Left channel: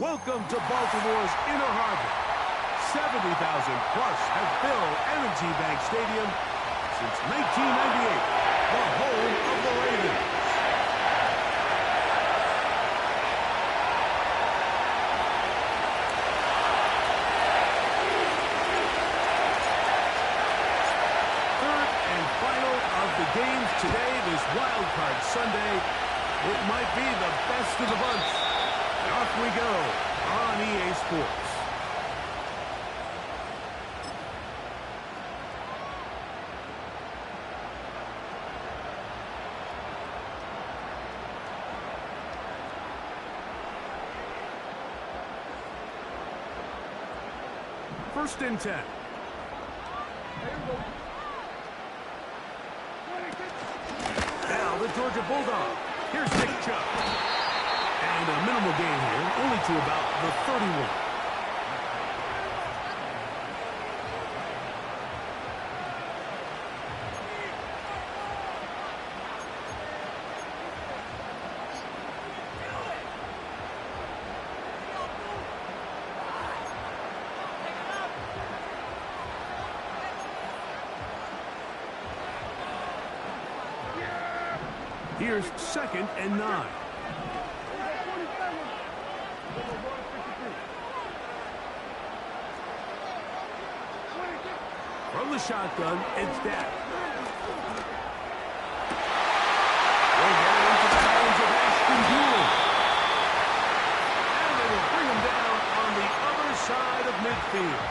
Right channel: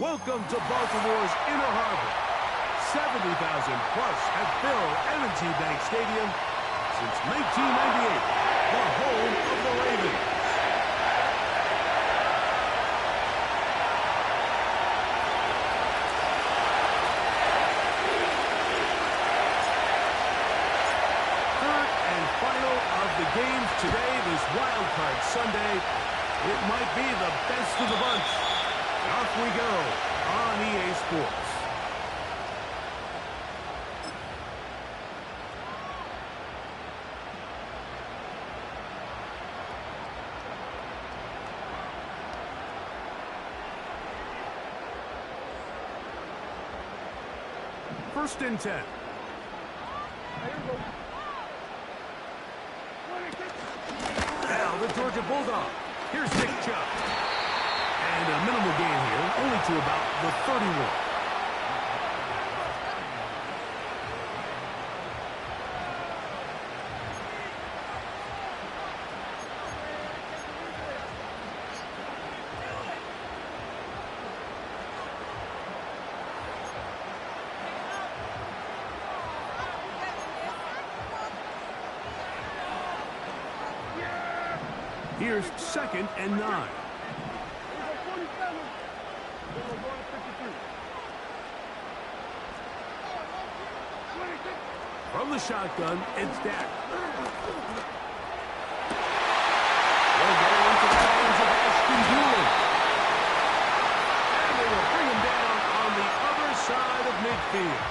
Welcome to Baltimore's Inner Harbor. 70,000 plus have filled M&T Bank Stadium since 1998, the home of the Ravens. Third and final of the games today, this Wildcard Sunday. It might be the best of the bunch. And off we go on EA Sports. First and 10. Now the Georgia Bulldog. Here's Nick Chubb. And a minimal gain here, only to about the 31. Here's second and 9. From the shotgun, it's Dak. They'll get it into the hands of Ashton Doolin. And they will bring him down on the other side of midfield.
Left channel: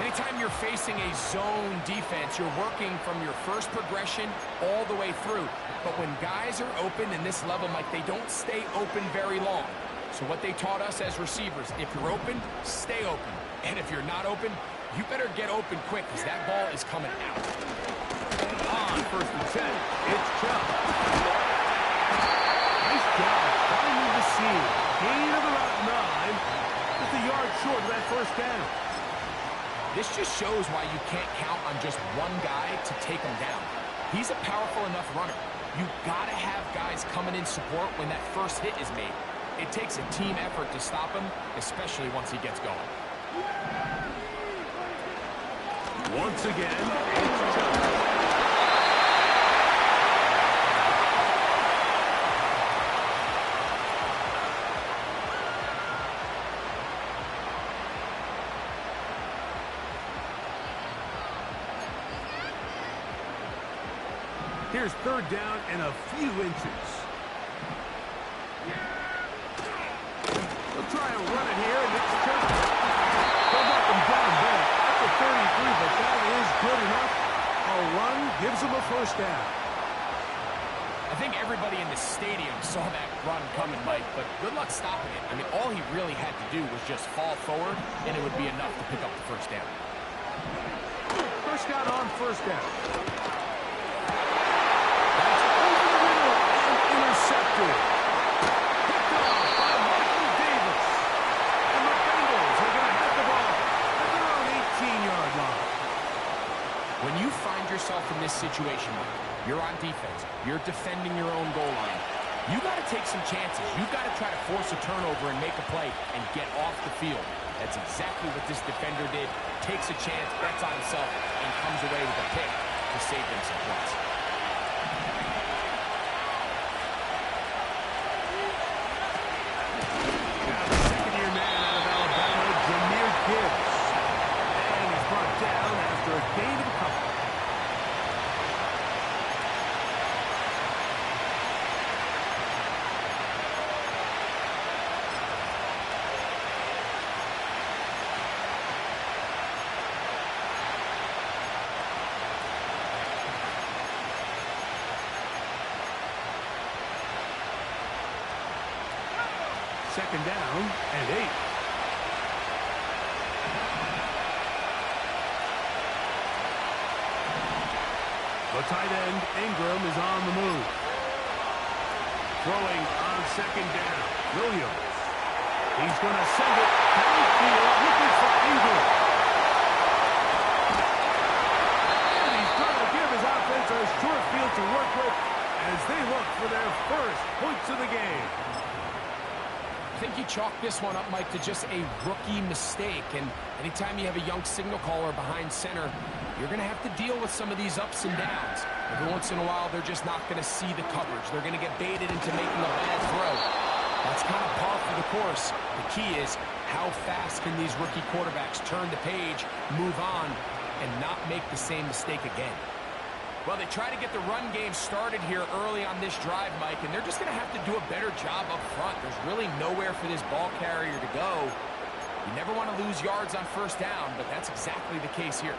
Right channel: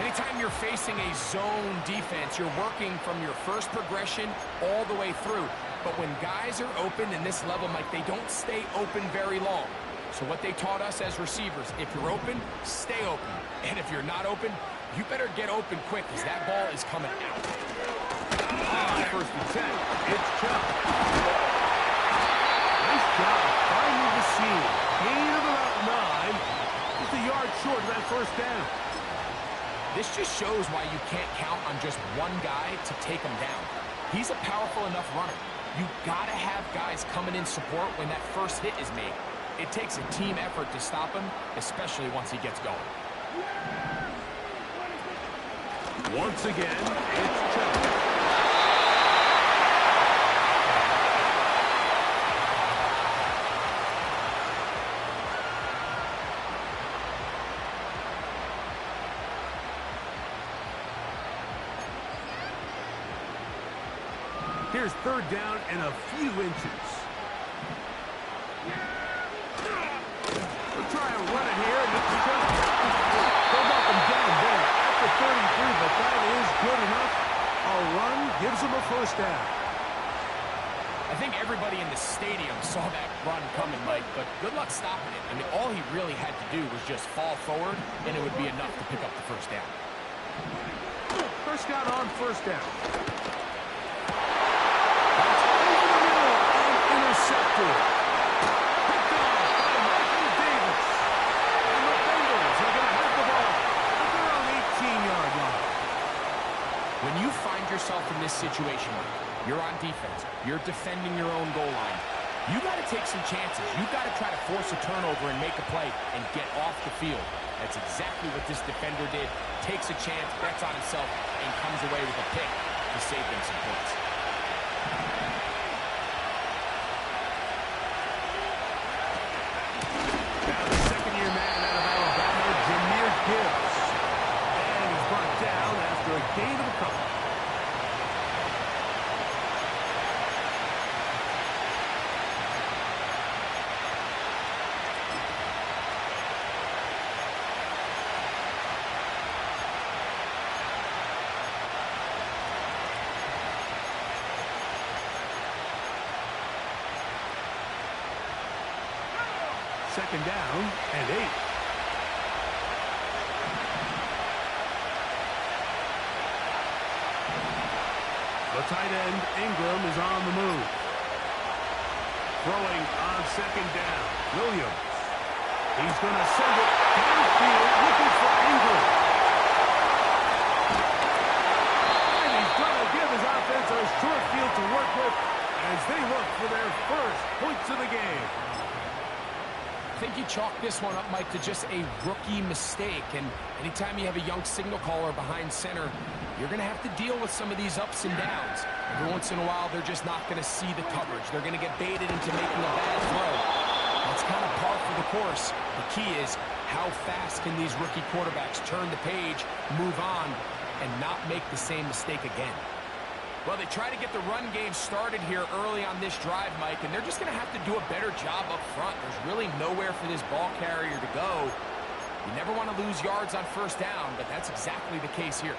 Anytime you're facing a zone defense, you're working from your first progression all the way through. But when guys are open in this level, Mike, they don't stay open very long. So what they taught us as receivers, if you're open, stay open. And if you're not open, you better get open quick because that ball is coming out. On first and 10, it's Chubb. Nice job finding the seam. Gain of about 9. Just a yard short of that first down. This just shows why you can't count on just one guy to take him down. He's a powerful enough runner. You gotta have guys coming in support when that first hit is made. It takes a team effort to stop him, especially once he gets going. Once again, it's Chubb. Here's third down and a few inches. They'll try and run it here, and it's Chubb. They'll knock him down there at the 33, but that is good enough. A run gives them a first down. I think everybody in the stadium saw that run coming, Mike, but good luck stopping it. I mean, all he really had to do was just fall forward, and it would be enough to pick up the first down. First down on first down. That's over the middle and intercepted. Picked off by Michael Davis. And the Bengals are going to have the ball at their own 18-yard line. When you find yourself in this situation, Mike, you're on defense, you're defending your own goal line, you got to take some chances. You got to try to force a turnover and make a play and get off the field. That's exactly what this defender did. Takes a chance, bets on himself, and comes away with a pick to save them some points. Now the second-year man out of Alabama, Jahmyr Gibbs. And he's brought down after a gain of a couple. Second down and 8. The tight end, Ingram, is on the move. Throwing on second down, Williams. He's going to send it downfield looking for Ingram. And he's going to give his offense a short field to work with as they look for their first points of the game. think you chalk this one up, Mike, to just a rookie mistake. And anytime you have a young signal caller behind center, you're going to have to deal with some of these ups and downs. Every once in a while, they're just not going to see the coverage. They're going to get baited into making a bad throw. That's kind of par for the course. The key is, how fast can these rookie quarterbacks turn the page, move on, and not make the same mistake again? Well, they try to get the run game started here early on this drive, Mike, and they're just going to have to do a better job up front. There's really nowhere for this ball carrier to go. You never want to lose yards on first down, but that's exactly the case here.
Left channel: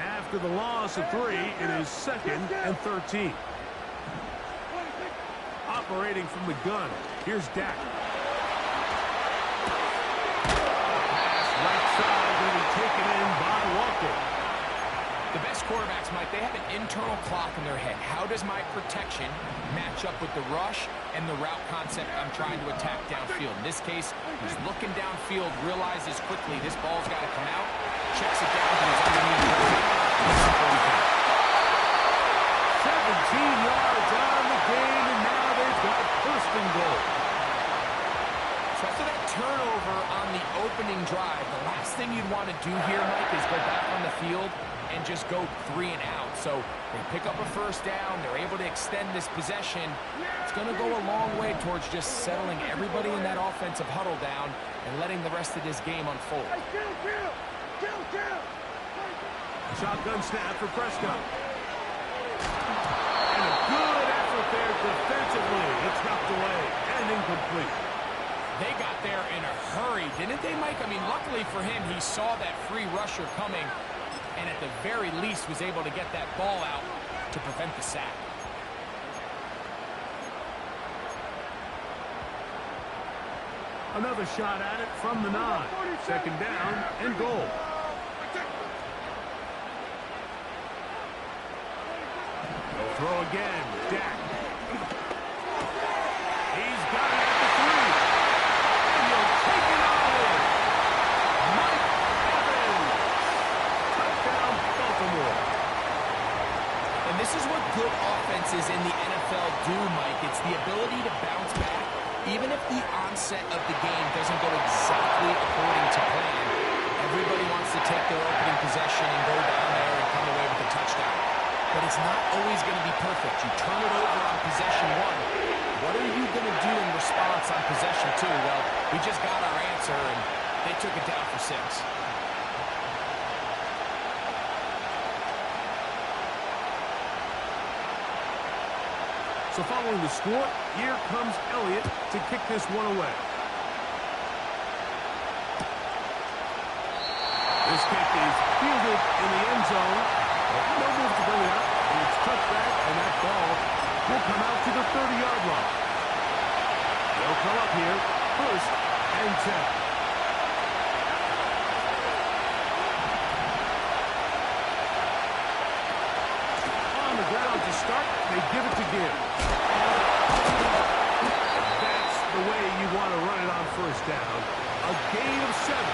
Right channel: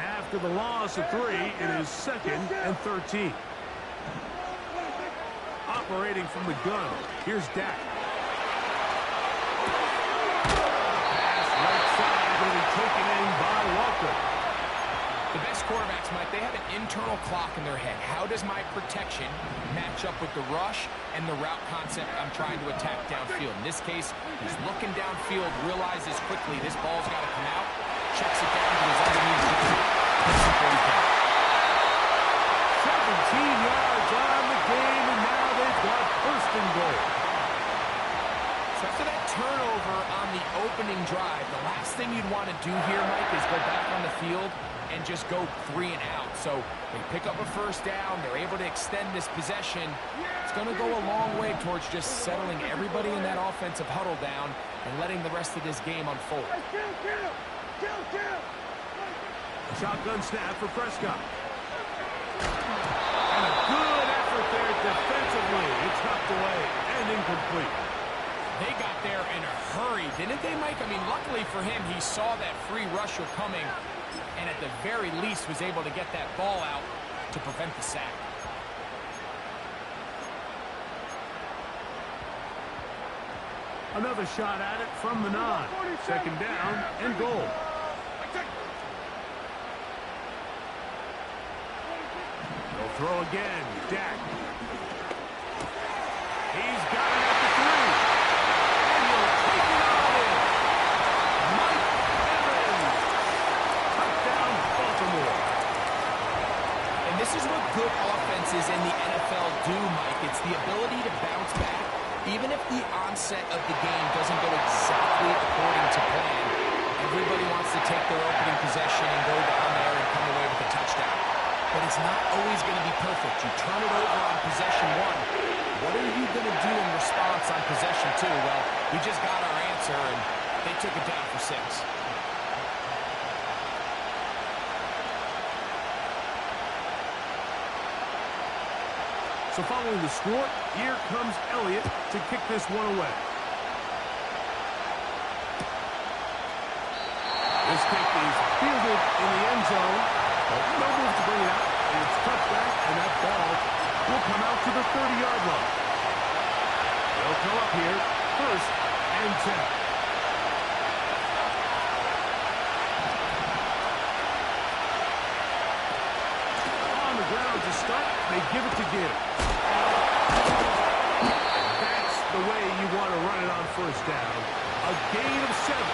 After the loss of 3, it is 2nd and 13. Operating from the gun, here's Dak. Pass right side, going to be taken in by Walker. The best quarterbacks, Mike, they have an internal clock in their head. How does my protection match up with the rush and the route concept I'm trying to attack downfield? In this case, he's looking downfield, realizes quickly this ball's got to come out, checks it down to his underneath jersey. 17 yards on the game, and now they've got 1st and goal. So after that turnover on the opening drive, the last thing you'd want to do here, Mike, is go back on the field and just go 3 and out. So they pick up a first down. They're able to extend this possession. It's going to go a long way towards just settling everybody in that offensive huddle down and letting the rest of this game unfold. Shotgun snap for Prescott. And a good effort there defensively. It's knocked away and incomplete. They got there in a hurry, didn't they, Mike? I mean, luckily for him, he saw that free rusher coming and at the very least was able to get that ball out to prevent the sack. Another shot at it from the 9. 2nd down and goal. They'll throw again. Dak. He's got it at the 3. And he'll take it all in. Mike Evans. Touchdown, Baltimore. And this is what good offenses in the NFL do, Mike. It's the ability to bounce back. Even if the onset of the game doesn't go exactly according to plan, everybody wants to take their opening possession and go down there and come away with a touchdown. But it's not always going to be perfect. You turn it over on possession 1. What are you going to do in response on possession 2? Well, we just got our answer, and they took it down for 6. So following the score, here comes Elliott to kick this one away. This kick is fielded in the end zone, but no move to bring it out. It's touchback, and that ball will come out to the 30-yard line. They'll come up here, 1st and 10. Ground to start, they give it to Gibbs. That's the way you want to run it on first down. A gain of 7.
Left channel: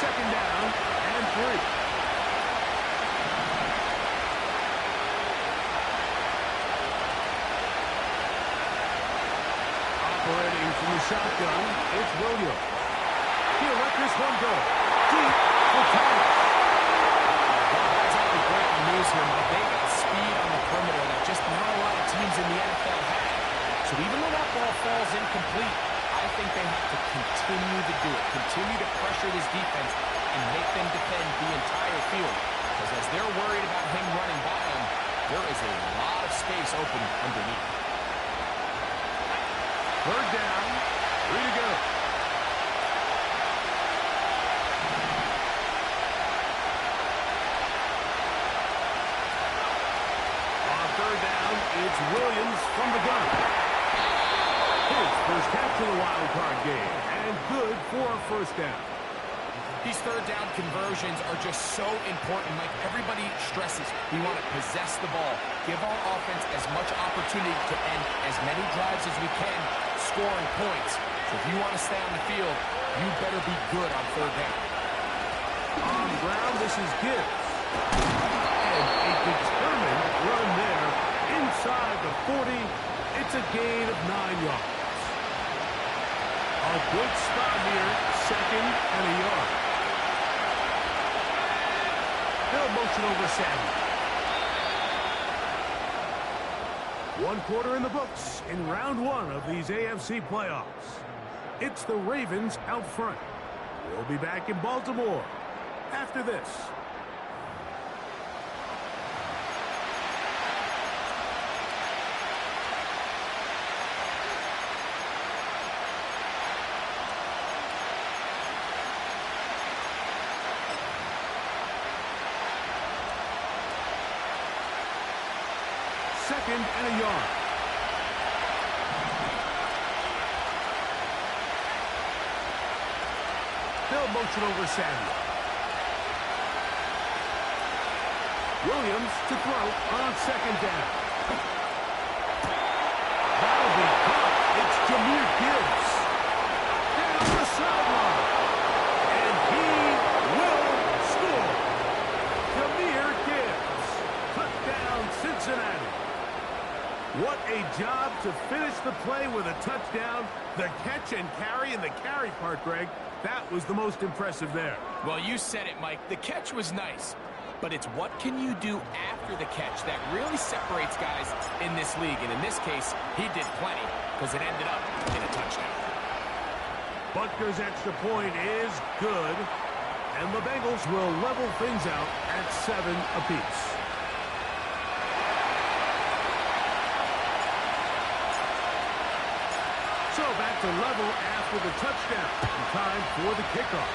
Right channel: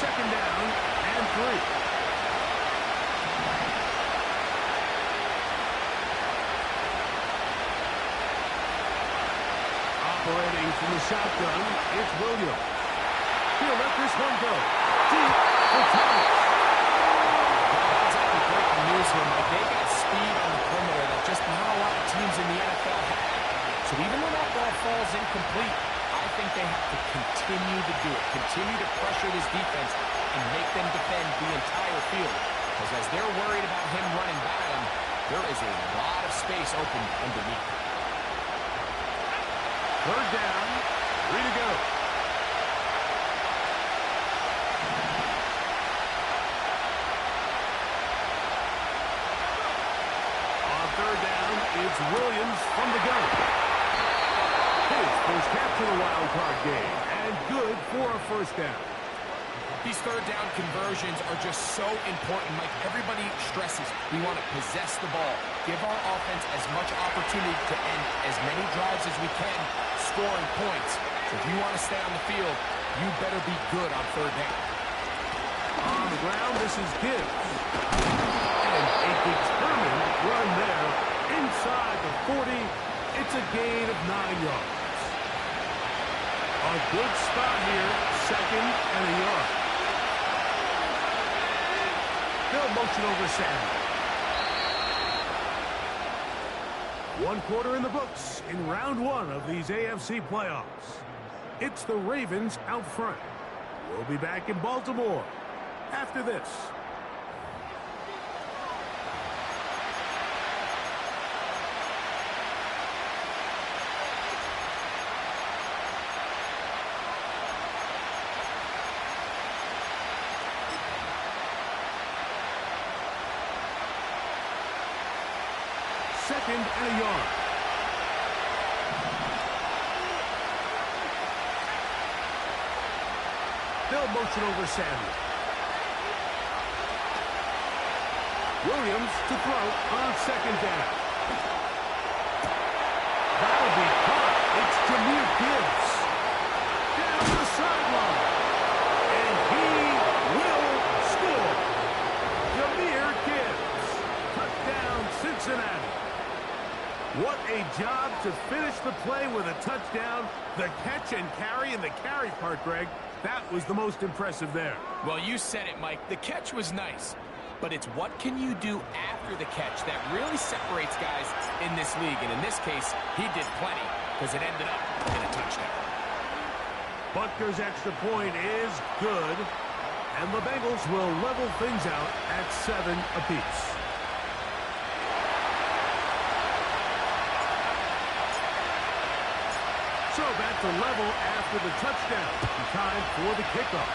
Second down and 3. Operating from the shotgun, it's Williams. He'll let this one go. Deep for Thomas. Well, that's exactly breaking news here, Mike. They got speed on the perimeter that just not a lot of teams in the NFL have. So even when that ball falls incomplete, I think they have to continue to do it. Continue to pressure this defense and make them defend the entire field. Because as they're worried about him running by them, there is a lot of space open underneath. 3rd down, 3 to go. On 3rd down, it's Williams from the gun. His first catch of the wild card game, and good for a first down. These third down conversions are just so important, Mike. Everybody stresses we want to possess the ball, give our offense as much opportunity to end as many drives as we can, scoring points. So if you want to stay on the field, you better be good on third down. On the ground, this is Gibbs. And a determined run there inside the 40. It's a gain of 9 yards. A good spot here, 2nd and a yard. They'll motion over Samuel. 1 quarter in the books in round 1 of these AFC playoffs. It's the Ravens out front. We'll be back in Baltimore after this. Second and a yard. They'll motion over Samuel. Williams to throw on 2nd down. That'll be caught. It's Jahmyr Gibbs. Down the sideline. And he will score. Jahmyr Gibbs. Touchdown, Cincinnati. What a job to finish the play with a touchdown. The catch and carry, and the carry part, Greg, that was the most impressive there. Well, you said it, Mike. The catch was nice, but it's what can you do after the catch that really separates guys in this league. And in this case, he did plenty because it ended up in a touchdown. Butker's extra point is good, and the Bengals will level things out at 7 apiece. So back to level after the touchdown. Time for the kickoff.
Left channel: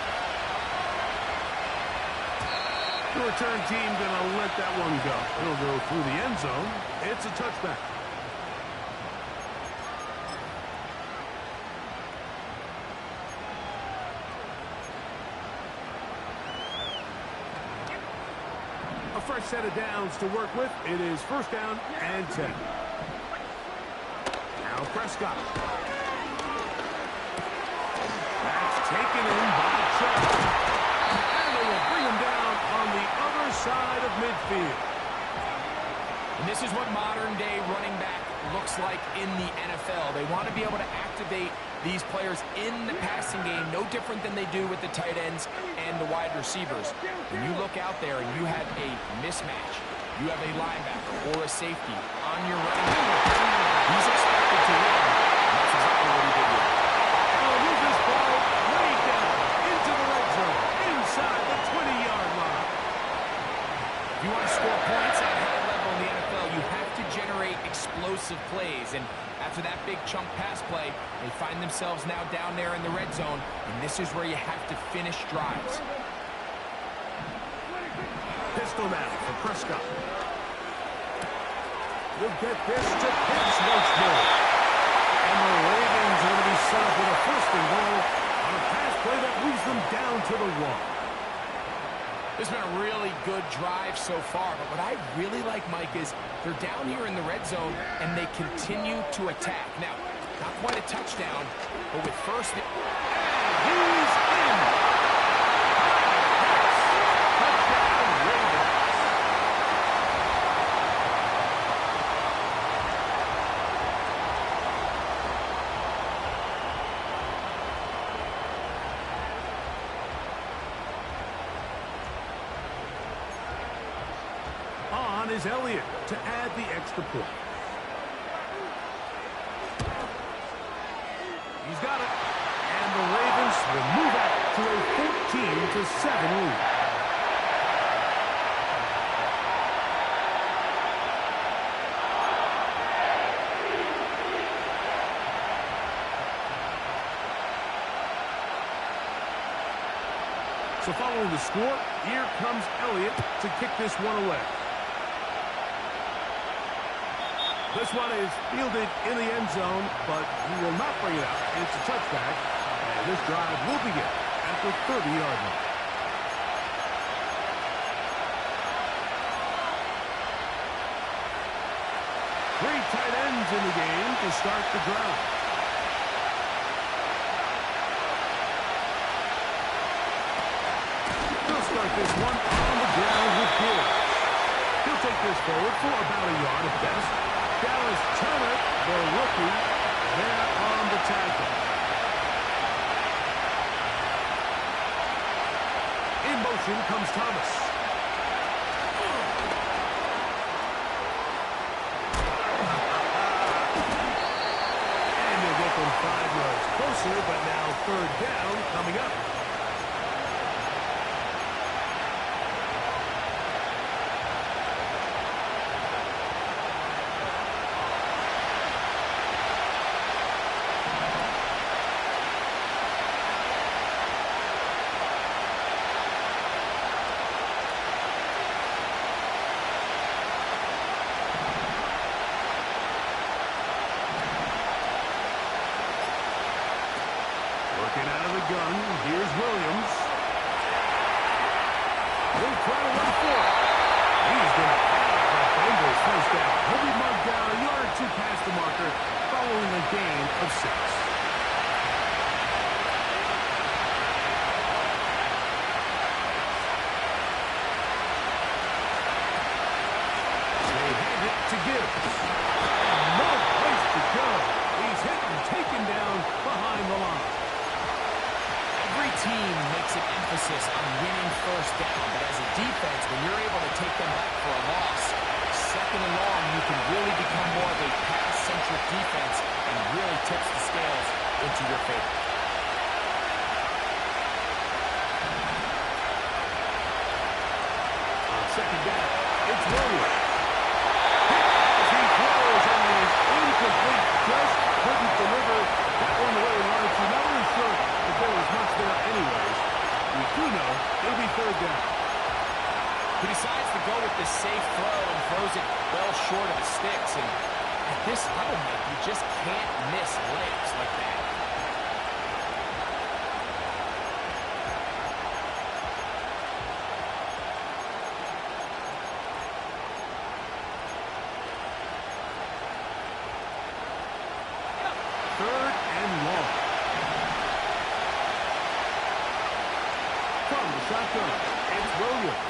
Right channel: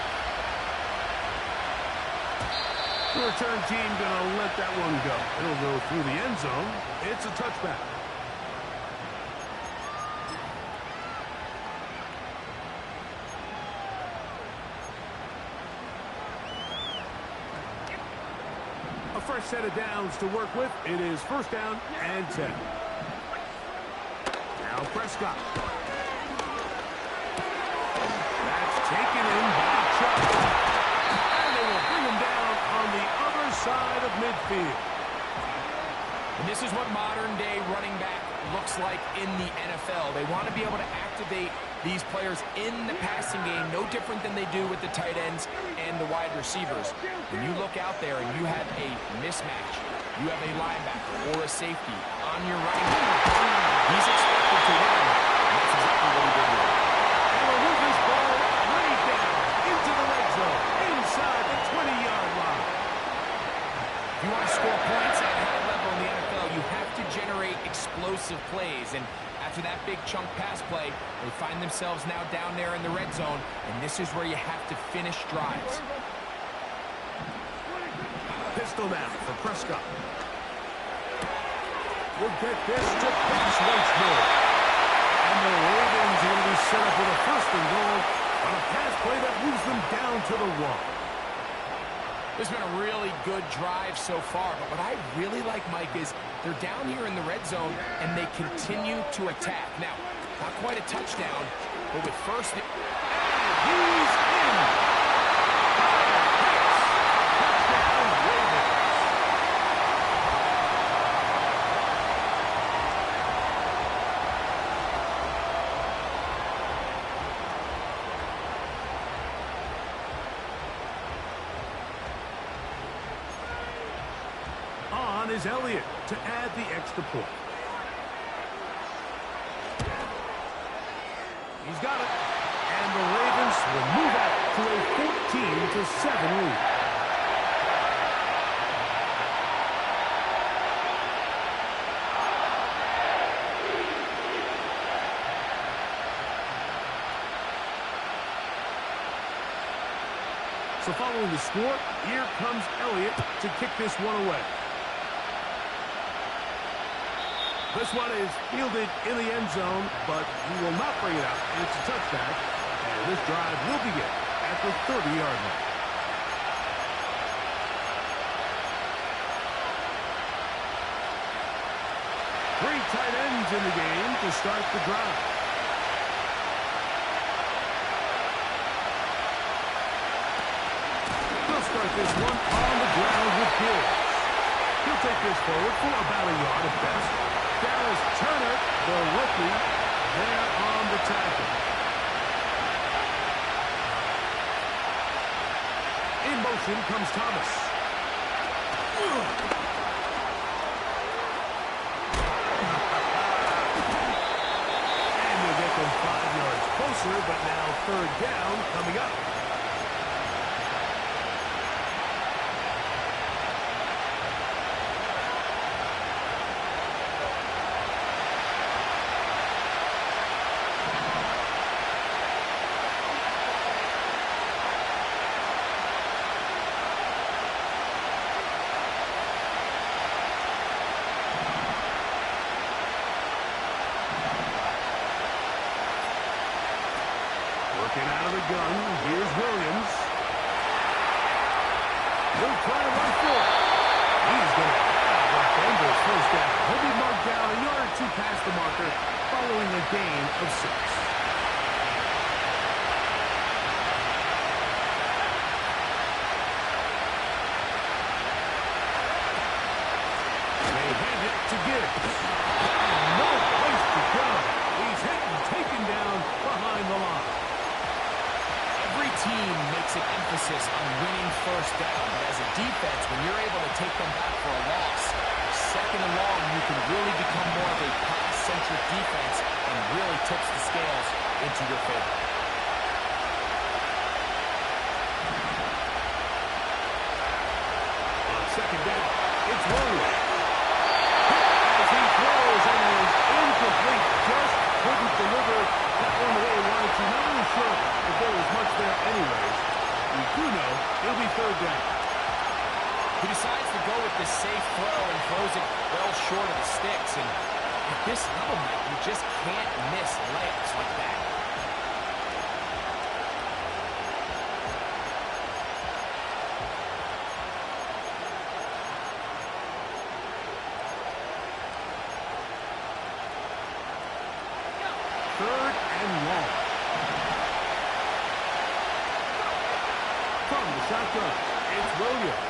The return team going to let that one go. It'll go through the end zone. It's a touchback. A fresh set of downs to work with. It is 1st down and 10. Now Prescott. Taken in by Chubb. And they will bring him down on the other side of midfield. And this is what modern-day running back looks like in the NFL. They want to be able to activate these players in the passing game, no different than they do with the tight ends and the wide receivers. When you look out there and you have a mismatch, you have a linebacker or a safety on your running back, he's expected to win, and that's exactly what he did here. And will move this ball way down into the red zone, inside the 20-yard line. If you want to score points at a high level in the NFL, you have to generate explosive plays. And after that big chunk pass play, they find themselves now down there in the red zone, and this is where you have to finish drives. Pistol now for Prescott. We'll get this to Pitts once more. And the Ravens are going to be set up with a 1st and goal on a pass play that moves them down to the 1. This has been a really good drive so far, but what I really like, Mike, is they're down here in the red zone, and they continue to attack. Now, not quite a touchdown, but with 1st... And he's in! Touchdown, Ravens! On is Elliott to add the extra point. He's got it. And the Ravens will move out to a 14-7 lead. So following the score, here comes Elliott to kick this one away. This one is fielded in the end zone, but he will not bring it out. It's a touchback, and this drive will begin at the 30-yard line. Three tight ends in the game to start the drive. They'll start this one on the ground with Gibbs. He'll take this forward for about a yard at best. Dallas Turner, the rookie, there on the tackle. In motion comes Thomas. And he'll get them 5 yards closer, but now third down coming up. Working out of the gun, here's Williams. He'll try to run for it. He's going to have the Bengals first down. He'll be marked down a yard or two past the marker following a gain of 6. They hand it to Gibbs. And no place to go. He's hit and taken down behind the line. Every team makes an emphasis on winning first down, but as a defense, when you're able to take them back for a loss, second and long, you can really become more of a pass-centric defense and really tips the scales into your favor. On second down, it's Williams. As he throws and is incomplete, just couldn't deliver that one the way he wanted to. Not really sure if there was much there anyways. We do know it'll be third down. He decides to go with this safe throw and throws it well short of the sticks. And at this level, Mike, you just can't miss layups like that. Third and long. From the shotgun, it's Williams.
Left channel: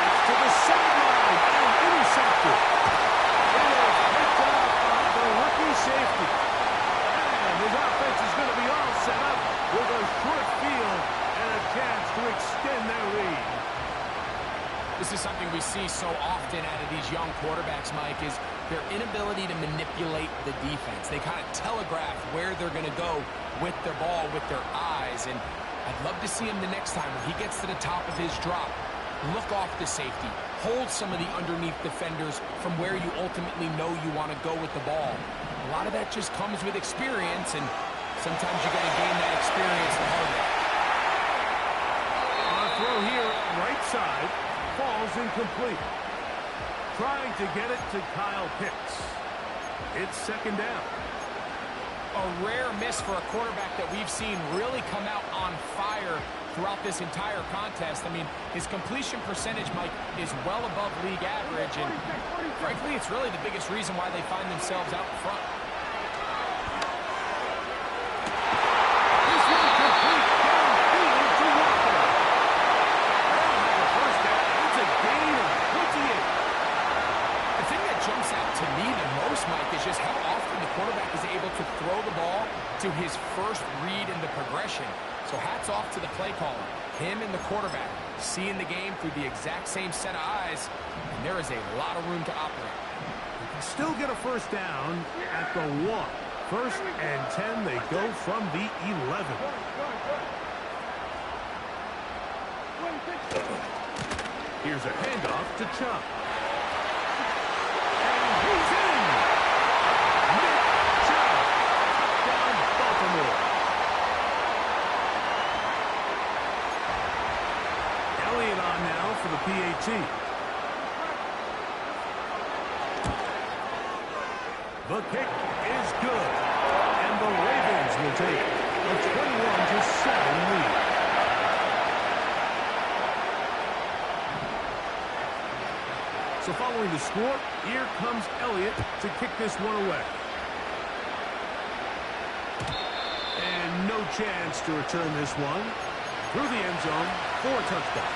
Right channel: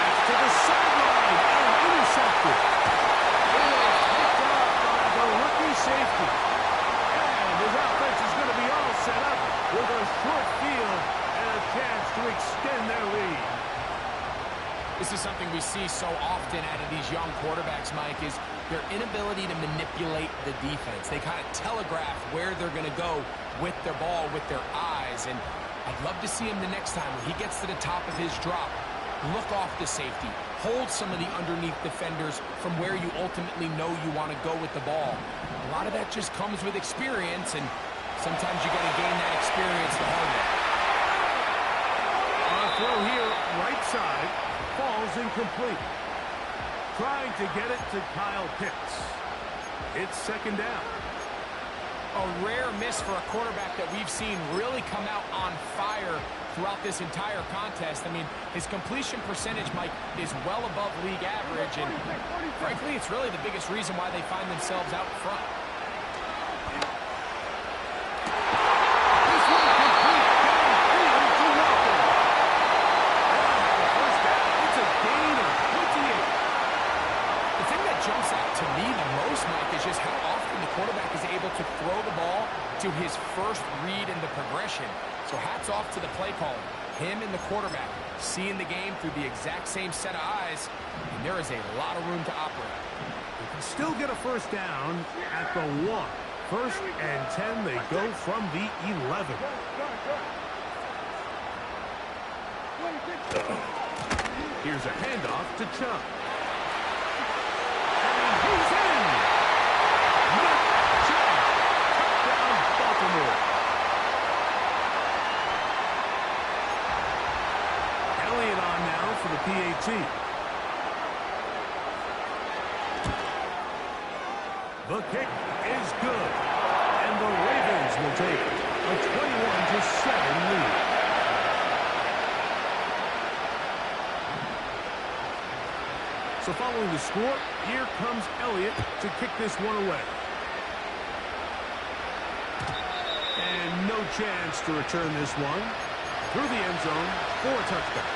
That's to the sideline and intercepted. It is picked up by the rookie safety. And his offense is going to be all set up with a short field and a chance to extend their lead. This is something we see so often out of these young quarterbacks, Mike, is their inability to manipulate the defense. They kind of telegraph where they're going to go with their ball, with their eyes. And I'd love to see him the next time when he gets to the top of his drop. Look off the safety. Hold some of the underneath defenders from where you ultimately know you want to go with the ball. A lot of that just comes with experience, and sometimes you got to gain that experience the hard way. On a throw here, right side. Falls incomplete. Trying to get it to Kyle Pitts. It's second down. A rare miss for a quarterback that we've seen really come out on fire throughout this entire contest. I mean, his completion percentage, Mike, is well above league average, and frankly, it's really the biggest reason why they find themselves out in front. This one complete downfield to Walker. They'll have a first down. It's a gain of 28. The thing that jumps out to me the most, Mike, is just how often the quarterback is able to throw the ball to his first read in the progression. So hats off to the play caller. Him and the quarterback seeing the game through the exact same set of eyes, and there is a lot of room to operate. They can still get a first down at the 1. First and 10, they go from the 11. Here's a handoff to Chubb. And he's in! Nick Chubb, touchdown Baltimore. Elliott on now for the PAT. The kick is good, and the Ravens will take a 21-7 lead. So following the score, here comes Elliott to kick this one away. And no chance to return this one. Through the end zone for a touchdown.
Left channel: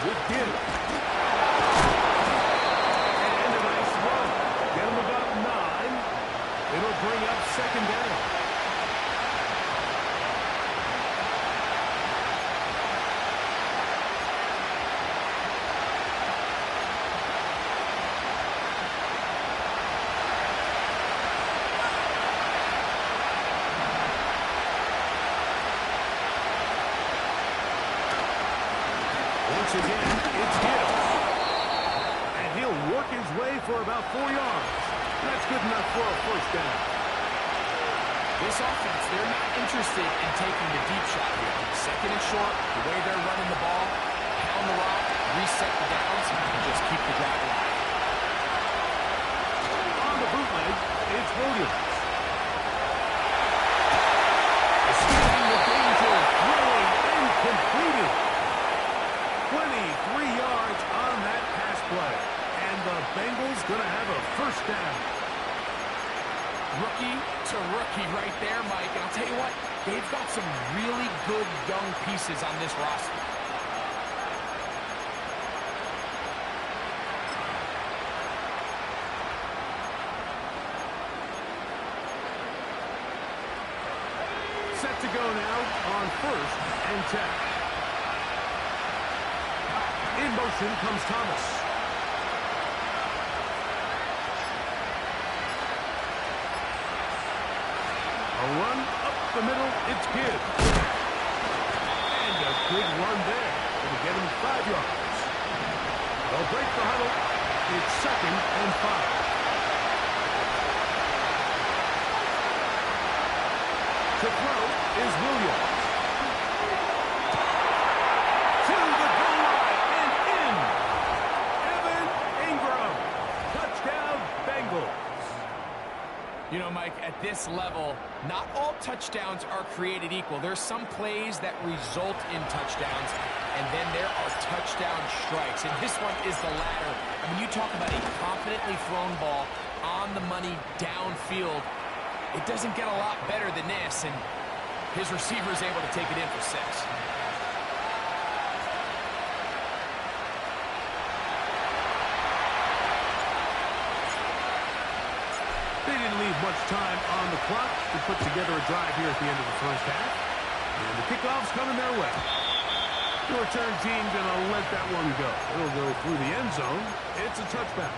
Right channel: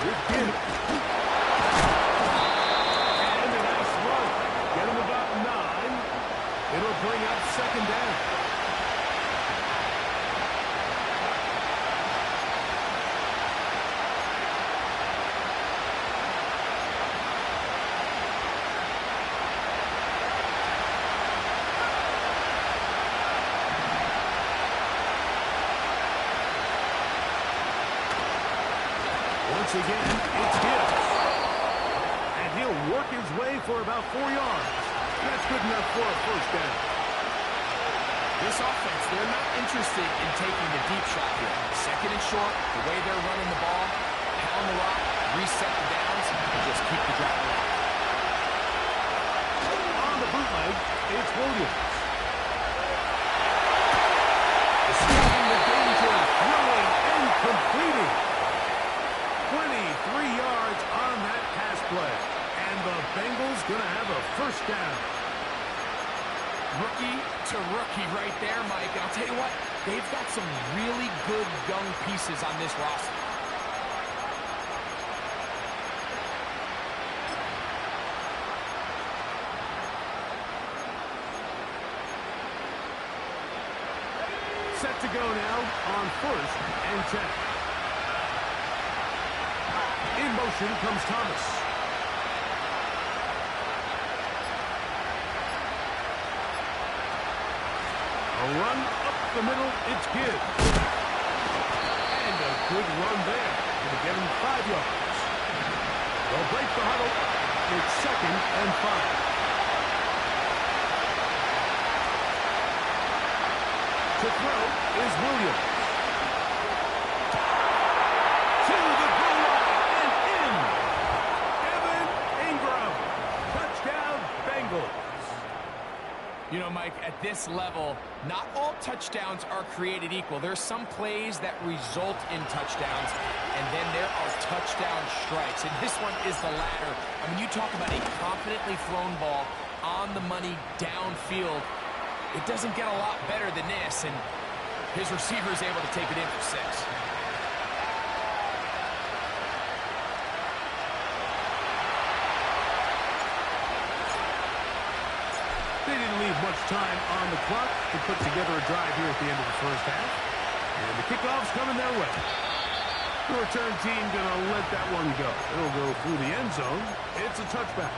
With Gibbs. And a nice run. Get him about 9. It'll bring up second down. Once again, it's Gibbs. And he'll work his way for about 4 yards. That's good enough for a first down. This offense, they're not interested in taking the deep shot here. Second and short, the way they're running the ball, pound the rock, reset the downs, and just keep the drive alive. On the bootleg, it's Williams. Escaping the danger, throwing and completing. 23 yards on that pass play. And the Bengals going to have a first down. Rookie to rookie right there, Mike. And I'll tell you what, they've got some really good young pieces on this roster. Set to go now on 1st and 10. In motion comes Thomas. A run up the middle, it's Gibbs. And a good run there. Going to get him 5 yards. They'll break the huddle. It's 2nd and 5. To throw is Williams. To the goal line and in. Evan Ingram. Touchdown, Bengals. You know, Mike, at this level, not all touchdowns are created equal. There's some plays that result in touchdowns, and then there are touchdown strikes. And this one is the latter. I mean, you talk about a confidently thrown ball on the money downfield. It doesn't get a lot better than this, and his receiver is able to take it in for 6. They didn't leave much time on the clock to put together a drive here at the end of the first half. And the kickoff's coming their way. The return team going to let that one go. It'll go through the end zone. It's a touchback.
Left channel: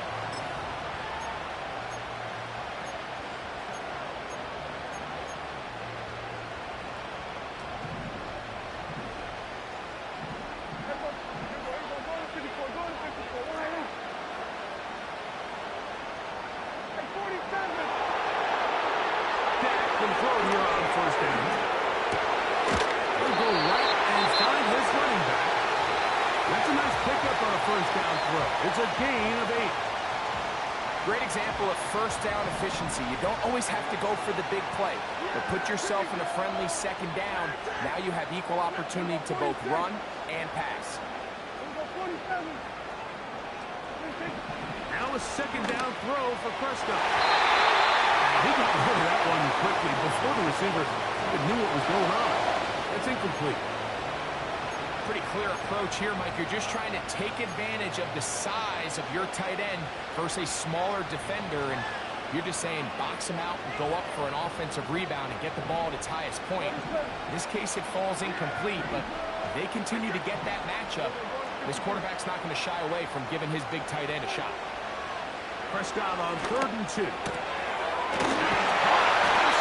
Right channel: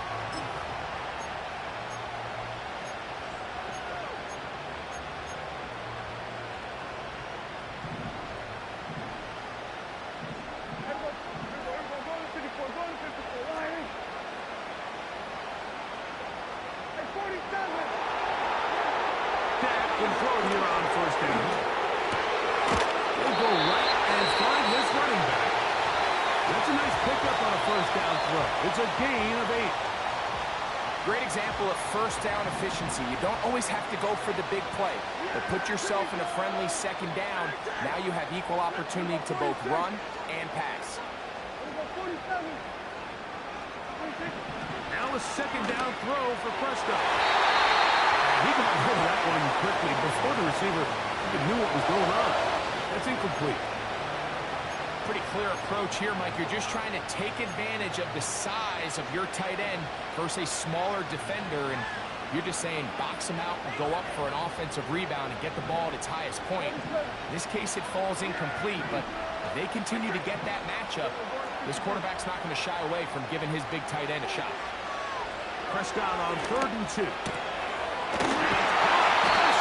Can throw it here on 1st down. He'll go right and find his running back. That's a nice pickup on a 1st down throw. It's a gain of 8. Great example of 1st down efficiency. You don't always have to go for the big play, but put yourself in a friendly 2nd down. Now you have equal opportunity to both run and pass. Now a 2nd down throw for Prescott. He got rid of that one quickly before the receiver even knew what was going on. That's incomplete. Pretty clear approach here, Mike. You're just trying to take advantage of the size of your tight end versus a smaller defender, and you're just saying box him out and go up for an offensive rebound and get the ball at its highest point. In this case, it falls incomplete, but if they continue to get that matchup, this quarterback's not going to shy away from giving his big tight end a shot. Prescott on 3rd and 2. This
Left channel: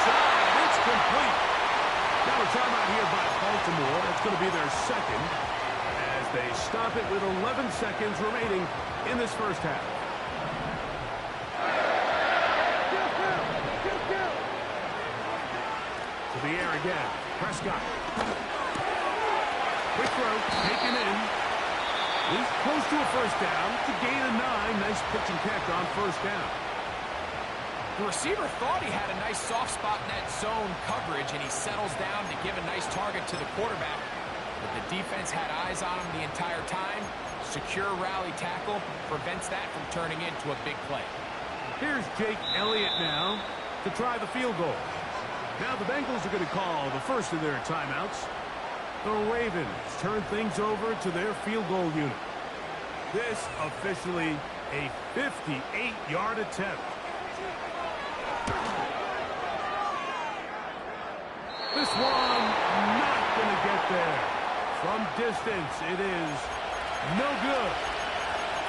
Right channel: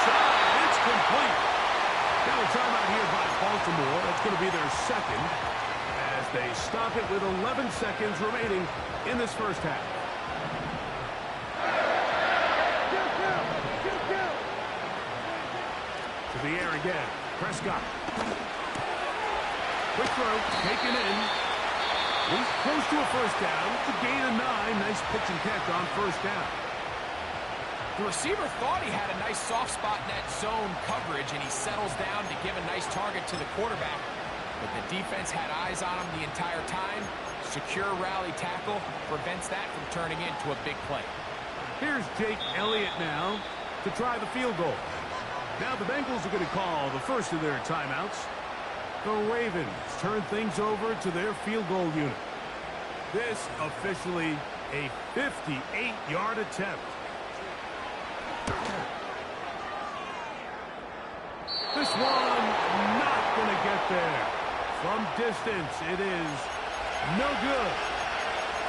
side, it's complete. Now a timeout here by Baltimore. That's going to be their 2nd as they stop it with 11 seconds remaining in this first half. To the air again. Prescott. Quick throw, taken in. He's close to a first down to gain a 9. Nice pitch and catch on first down. The receiver thought he had a nice soft spot in that zone coverage, and he settles down to give a nice target to the quarterback. But the defense had eyes on him the entire time. Secure rally tackle prevents that from turning into a big play. Here's Jake Elliott now to try the field goal. Now the Bengals are going to call the first of their timeouts. The Ravens turn things over to their field goal unit. This officially a 58-yard attempt. This one not going to get there. From distance, it is no good.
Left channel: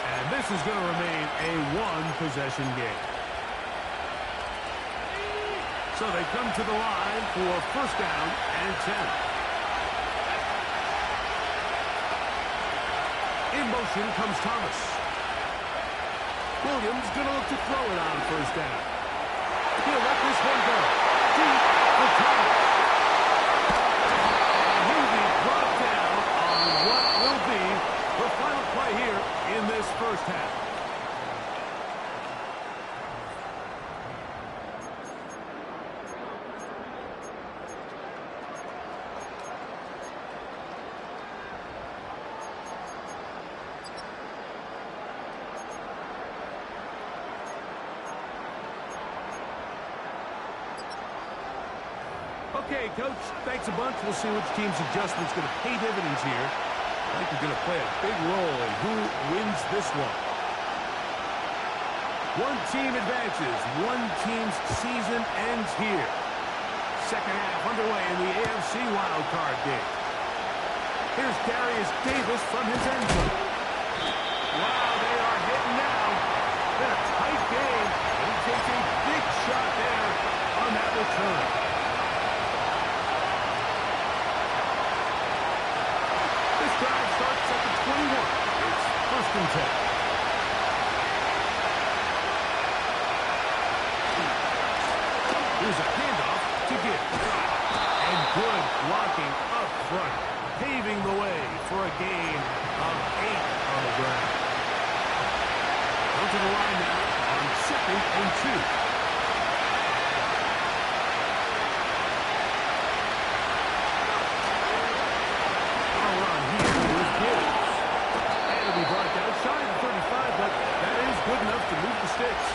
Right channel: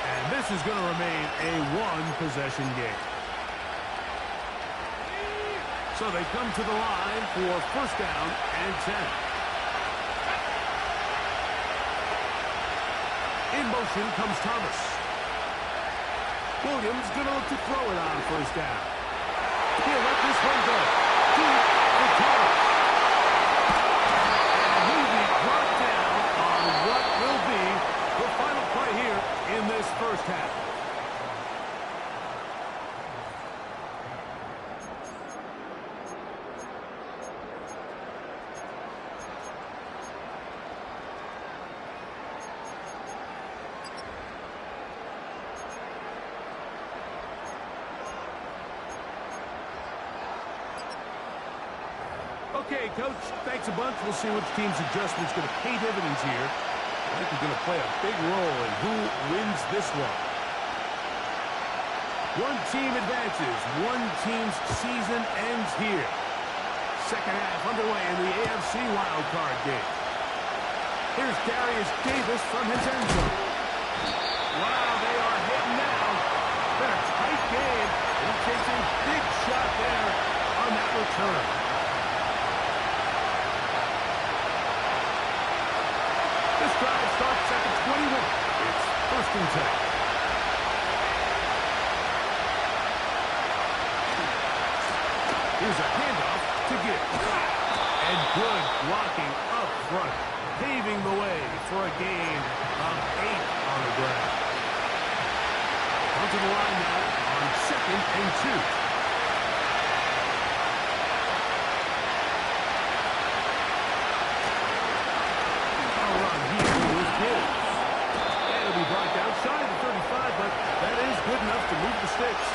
And this is going to remain a one-possession game. So they come to the line for first down and 10. In motion comes Thomas. Williams going to look to throw it on first down. He'll let this one go. Deep for Thomas. And he'll be brought down on what will be the final play here in this first half. Okay, Coach, thanks a bunch. We'll see which team's adjustment's going to pay dividends here. I think they're going to play a big role in who wins this one. One team advances. One team's season ends here. Second half underway in the AFC Wildcard game. Here's Darius Davis from his end zone. Wow, they are hitting now. Been a tight game, and he takes a big shot there on that return. This drive starts at the 21. It's first and 10. Here's a handoff to Gibbs. And good blocking up front, paving the way for a gain of 8 on the ground. Come to the line now on second and 2. And it'll be brought down shy of the 35, but that is good enough to move the sticks.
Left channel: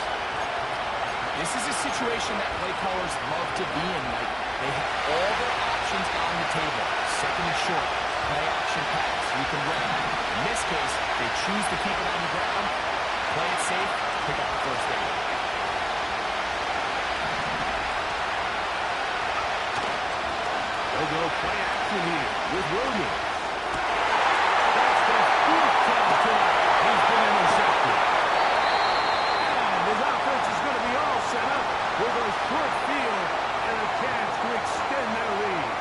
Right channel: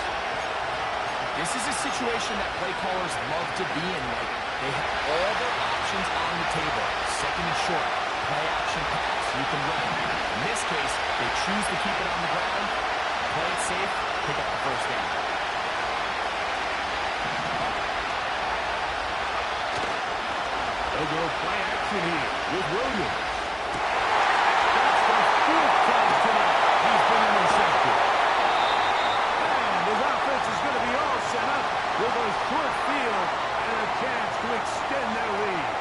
This is a situation that play callers love to be in, Mike. They have all their options on the table. Second and short, play action pass. You can run it. In this case, they choose to keep it on the ground, play it safe, pick up the first down. They'll go play action here with Williams. That's the fourth time tonight he's been intercepted. And his offense is going to be all set up with a short field and a chance to extend their lead.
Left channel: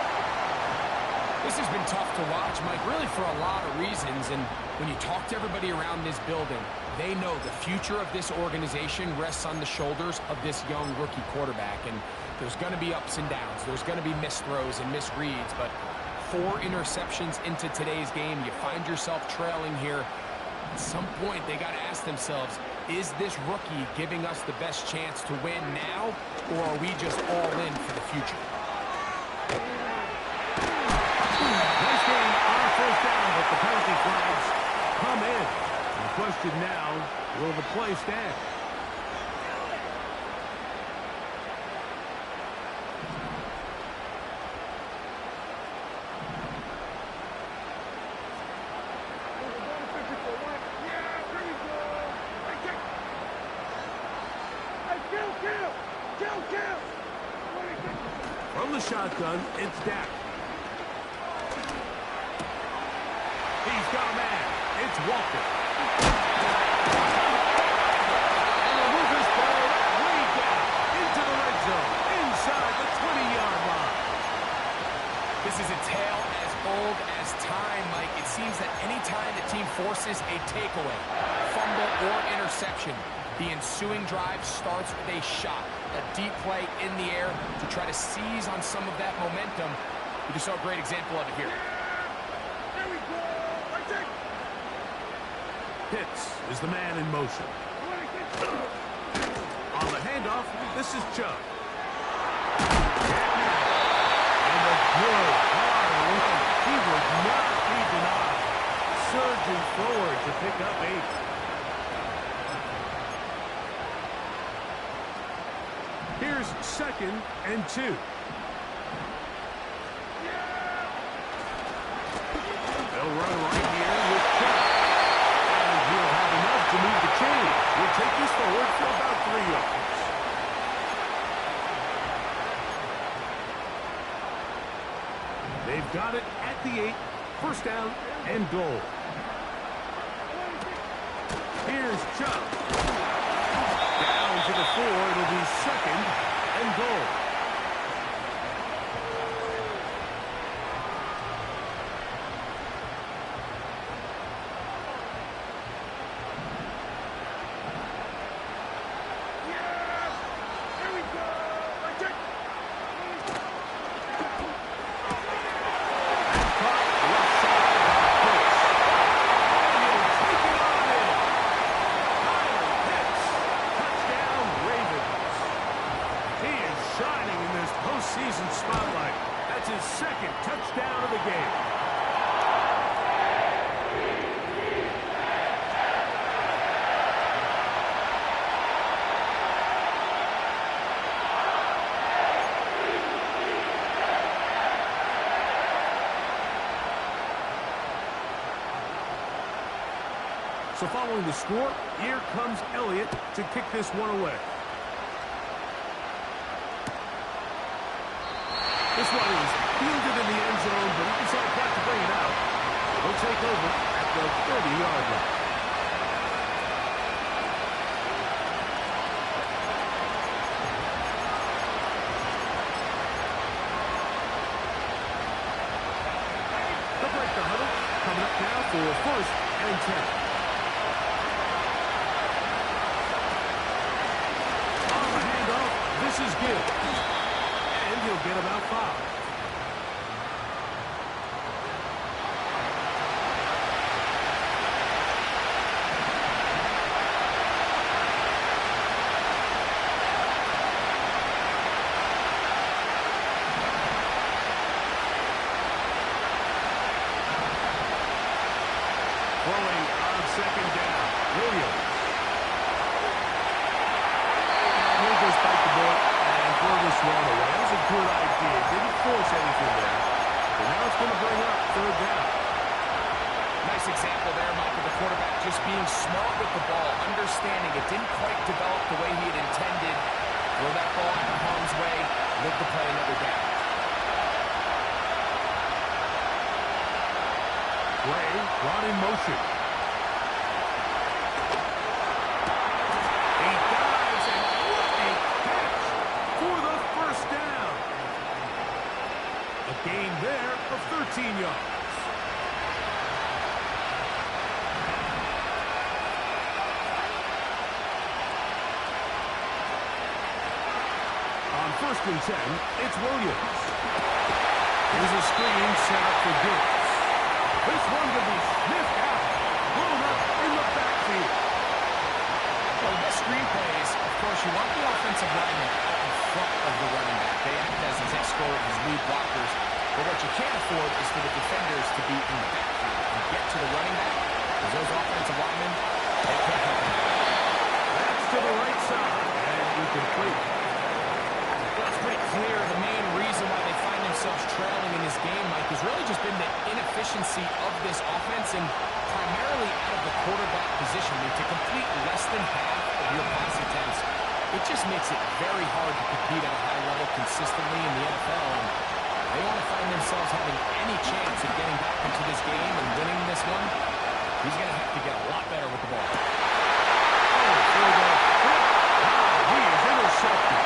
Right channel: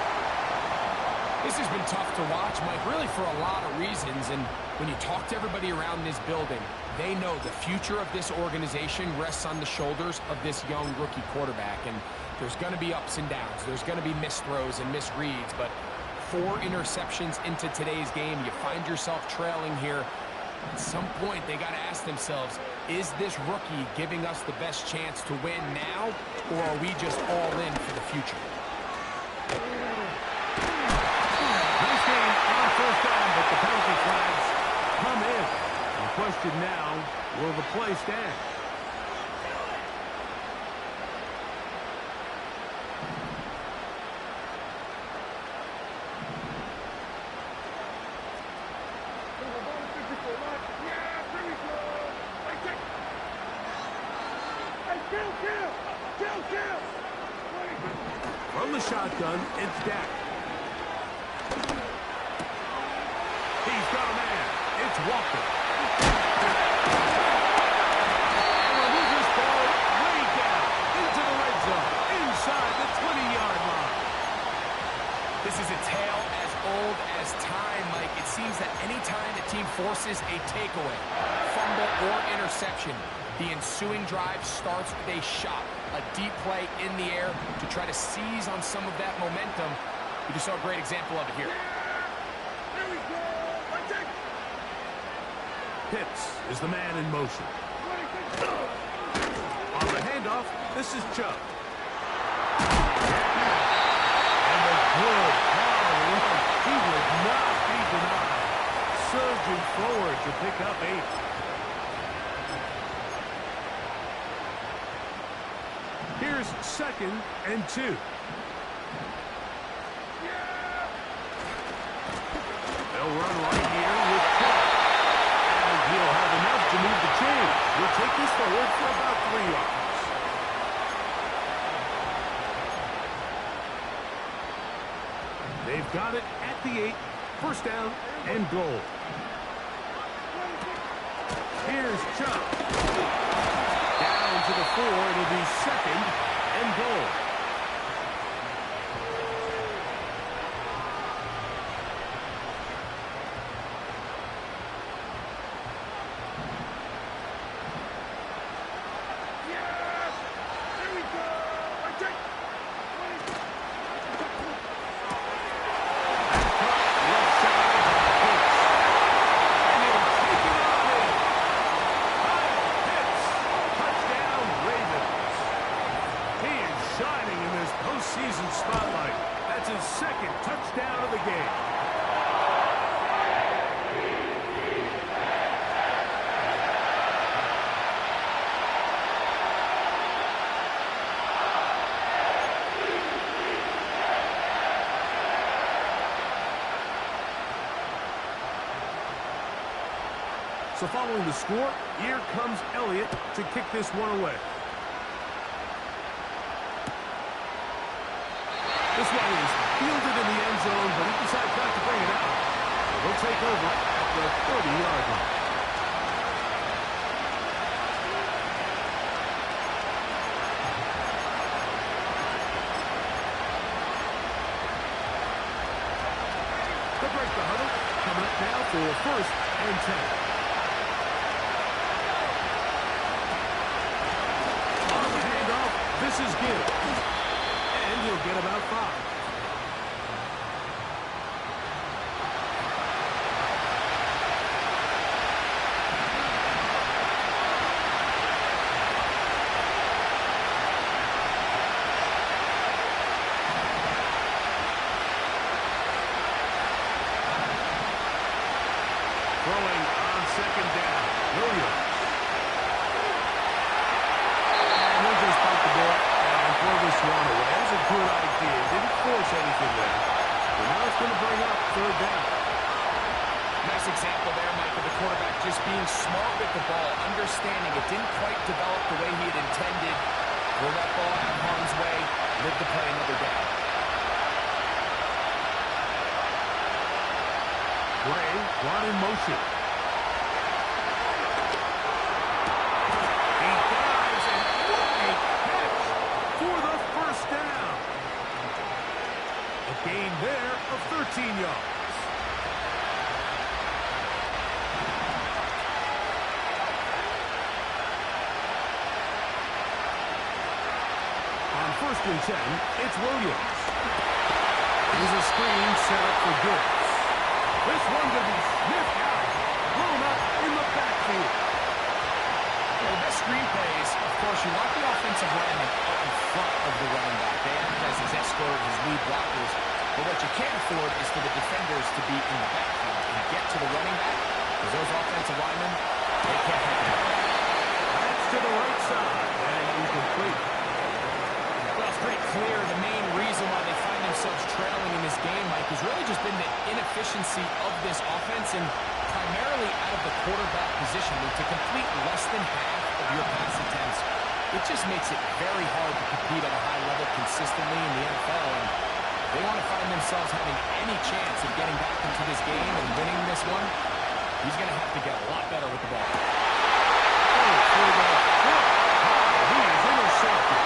This has been tough to watch, Mike, really for a lot of reasons. And when you talk to everybody around this building, they know the future of this organization rests on the shoulders of this young rookie quarterback. And there's going to be ups and downs. There's going to be missed throws and misreads. But 4 interceptions into today's game, you find yourself trailing here. At some point, they got to ask themselves, is this rookie giving us the best chance to win now, or are we just all in for the future? Nice game on first down, but the penalty flags come in. And the question now, will the play stand? From the shotgun, it's Dak. He's got a man. It's Walker. And he'll move this ball way down into the red zone, inside the 20-yard line. This is a tale as old as time, Mike. It seems that any time the team forces a takeaway, fumble, or interception, the ensuing drive starts with a shot, a deep play in the air to try to seize on some of that momentum. We just saw a great example of it here. There we go. Let's take. Pitts is the man in motion. On the handoff, this is Chubb. And a good, hard run. He would not be denied. Surging forward to pick up 8. Here's 2nd and 2. They'll run right here with Chubb. And he'll have enough to move the chains. He'll take this forward for about 3 yards. They've got it at the 8. First down and goal. Here's Chubb. Down to the 4. It'll be 2nd and goal. Postseason spotlight. That's his 2nd touchdown of the game. So following the score, here comes Elliott to kick this one away. This one is fielded in the end zone, but he decides not to bring it out. So they'll take over at the 30-yard line. They'll break the huddle. Coming up now for 1st and 10. On the handoff, this is Gibbs. And he'll get about 5. Throwing on 2nd down, Williams. And he'll just bite the bullet and throw this one away. That was a good idea. Didn't force anything there. But now it's going to bring up 3rd down. Nice example there, Mike, of the quarterback just being smart with the ball, understanding it didn't quite develop the way he had intended. Throw that ball out of harm's way, live to play another down. Gray brought in motion. He dives, and what a catch for the 1st down. A gain there of 13 yards. On 1st and 10, it's Williams. Here's a screen set up for Gibbs. This one could be sniffed out, blown up in the backfield. Well, the best screen plays, of course, you want the offensive lineman out in front of the running back. They act as his escort, his lead blockers. But what you can't afford is for the defenders to be in the backfield and get to the running back, because those offensive linemen, they can't help him. That's to the right side, and incomplete. Well, it's pretty clear the main reason why they find themselves trailing in this game, Mike, has really just been the inefficiency of this offense and primarily out of the quarterback position. I mean, to complete less than half of your pass attempts, it just makes it very hard to compete at a high level consistently in the NFL. And if they want to find themselves having any chance of getting back into this game and winning this one, he's going to have to get a lot better with the ball. Oh, for the fifth time, he is intercepted.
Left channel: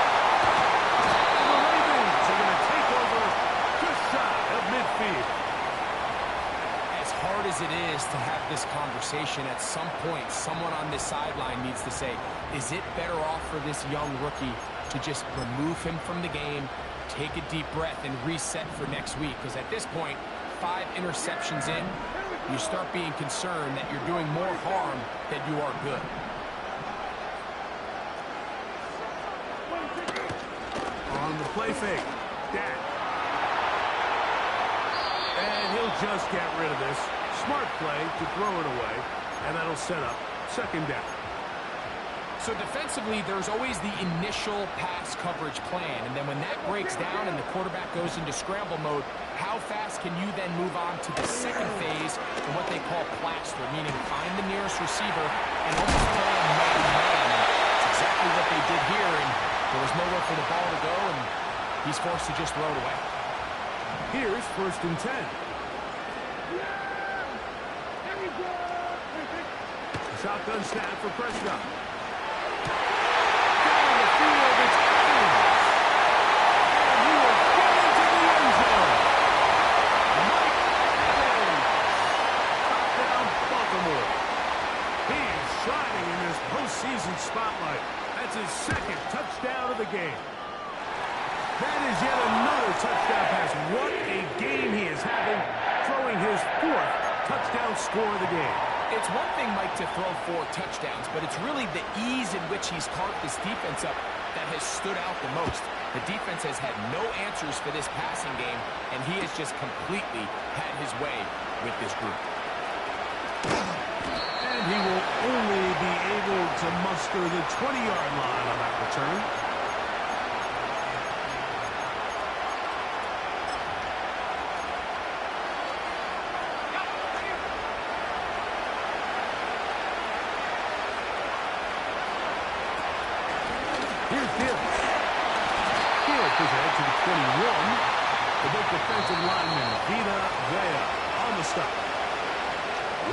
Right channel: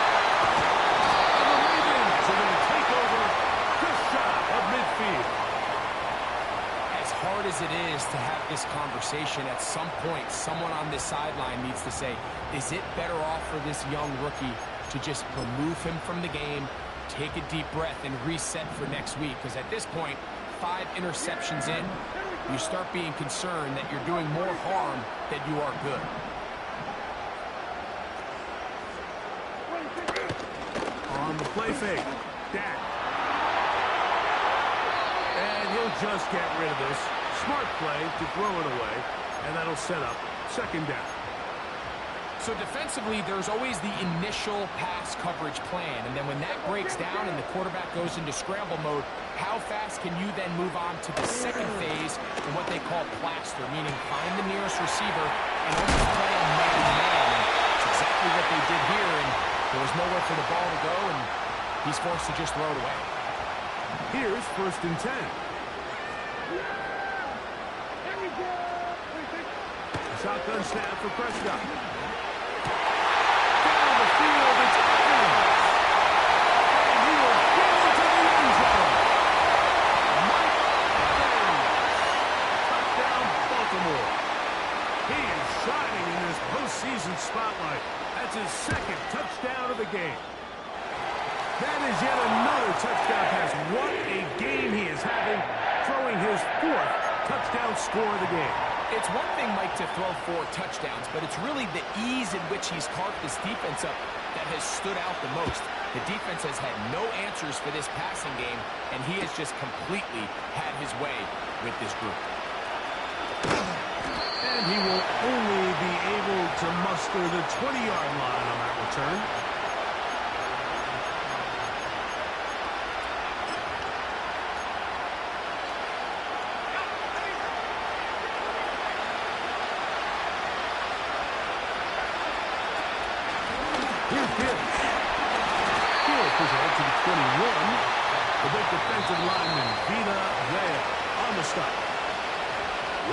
And the Ravens are going to take over just shy of midfield. As hard as it is to have this conversation, at some point, someone on this sideline needs to say, is it better off for this young rookie to just remove him from the game, take a deep breath, and reset for next week? Because at this point, 5 interceptions in, you start being concerned that you're doing more harm than you are good. On the play fake, Dak. And he'll just get rid of this. Smart play to throw it away, and that'll set up second down. So defensively, there's always the initial pass coverage plan, and then when that breaks down and the quarterback goes into scramble mode, how fast can you then move on to the second phase in what they call plaster, meaning find the nearest receiver and almost play a man-to-man. And it's exactly what they did here, and there was nowhere for the ball to go, and he's forced to just throw it away. Here's 1st and 10. Shotgun snap for Prescott. Down the field, it's Evans. And he will get into the end zone. Mike Evans. Touchdown, Baltimore. He is shining in this postseason spotlight. That's his 2nd touchdown of the game. That is yet another touchdown pass. What a game he is having, throwing his 4th touchdown score of the game. It's one thing, Mike, to throw 4 touchdowns, but it's really the ease in which he's carved this defense up that has stood out the most. The defense has had no answers for this passing game, and he has just completely had his way with this group. And he will only be able to muster the 20-yard line on that return. Here's Gibbs. He'll push ahead to the 21. The big defensive lineman, Vita Vea, on the stop.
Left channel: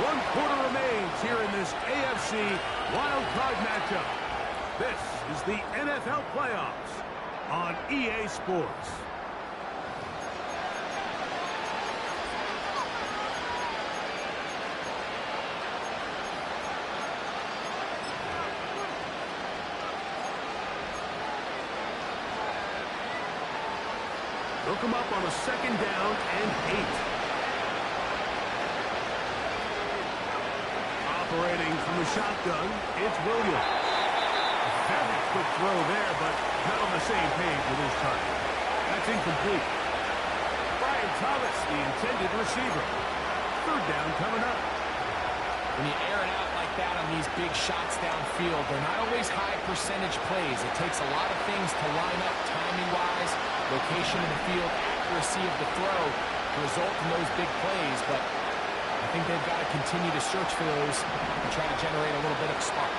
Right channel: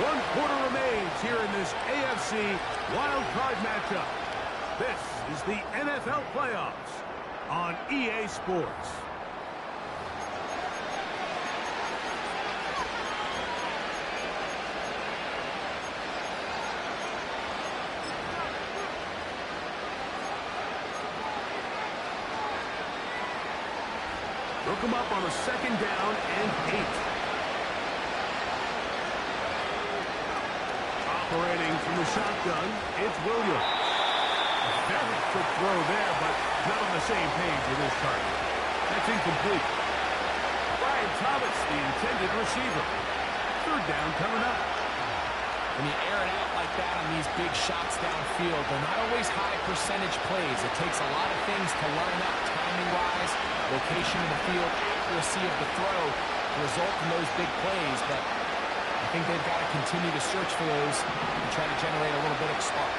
1 quarter remains here in this AFC wildcard matchup. This is the NFL playoffs on EA Sports. They'll come up on a 2nd down and 8. Operating from the shotgun, it's Williams. Very quick throw there, but not on the same page with his target. That's incomplete. Brian Thomas, the intended receiver. 3rd down coming up. When you air it out like that on these big shots downfield, they're not always high percentage plays. It takes a lot of things to line up timing-wise, location of the field, accuracy of the throw to result in those big plays. But I think they've got to continue to search for those and try to generate a little bit of a spark.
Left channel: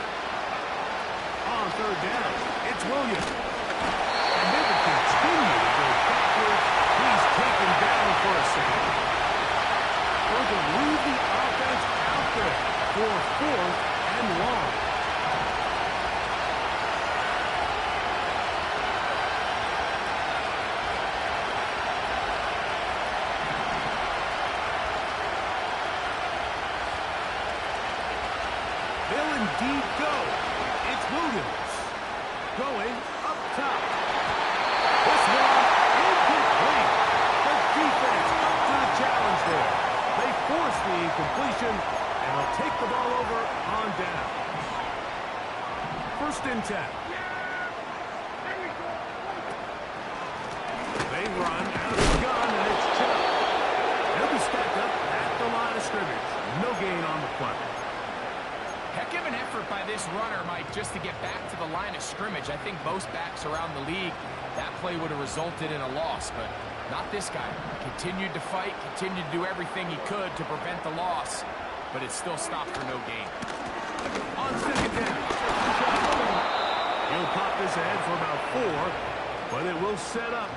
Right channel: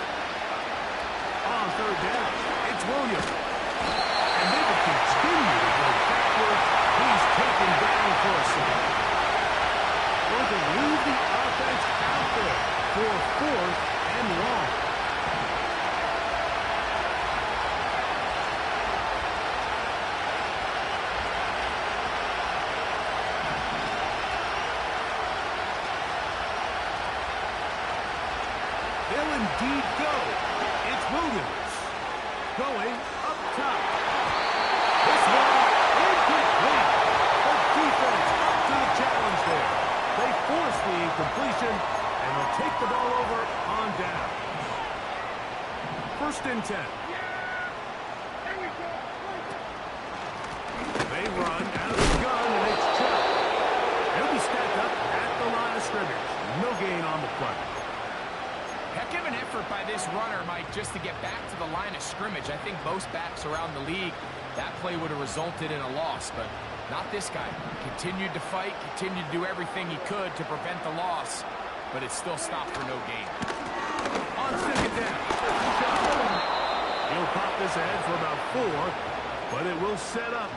On 3rd down, it's Williams. And they will continue to go backwards. He's taken down for a second. Going to leave the offense out there for 4th and long. They'll indeed go. It's Williams. Going up top. This one incomplete. The defense up to the challenge there. They force the incompletion, and they'll take the ball over on down. 1st and 10. They run out of the gun, and it's Chubb. They'll be stacked up at the line of scrimmage. No gain on the play. Heck of an effort by this runner, Mike, just to get back to the line of scrimmage. I think most backs around the league, that play would have resulted in a loss, but not this guy. Continued to fight, continued to do everything he could to prevent the loss, but it still stopped for no gain. On 2nd down, he'll pop this ahead for about 4, but it will set up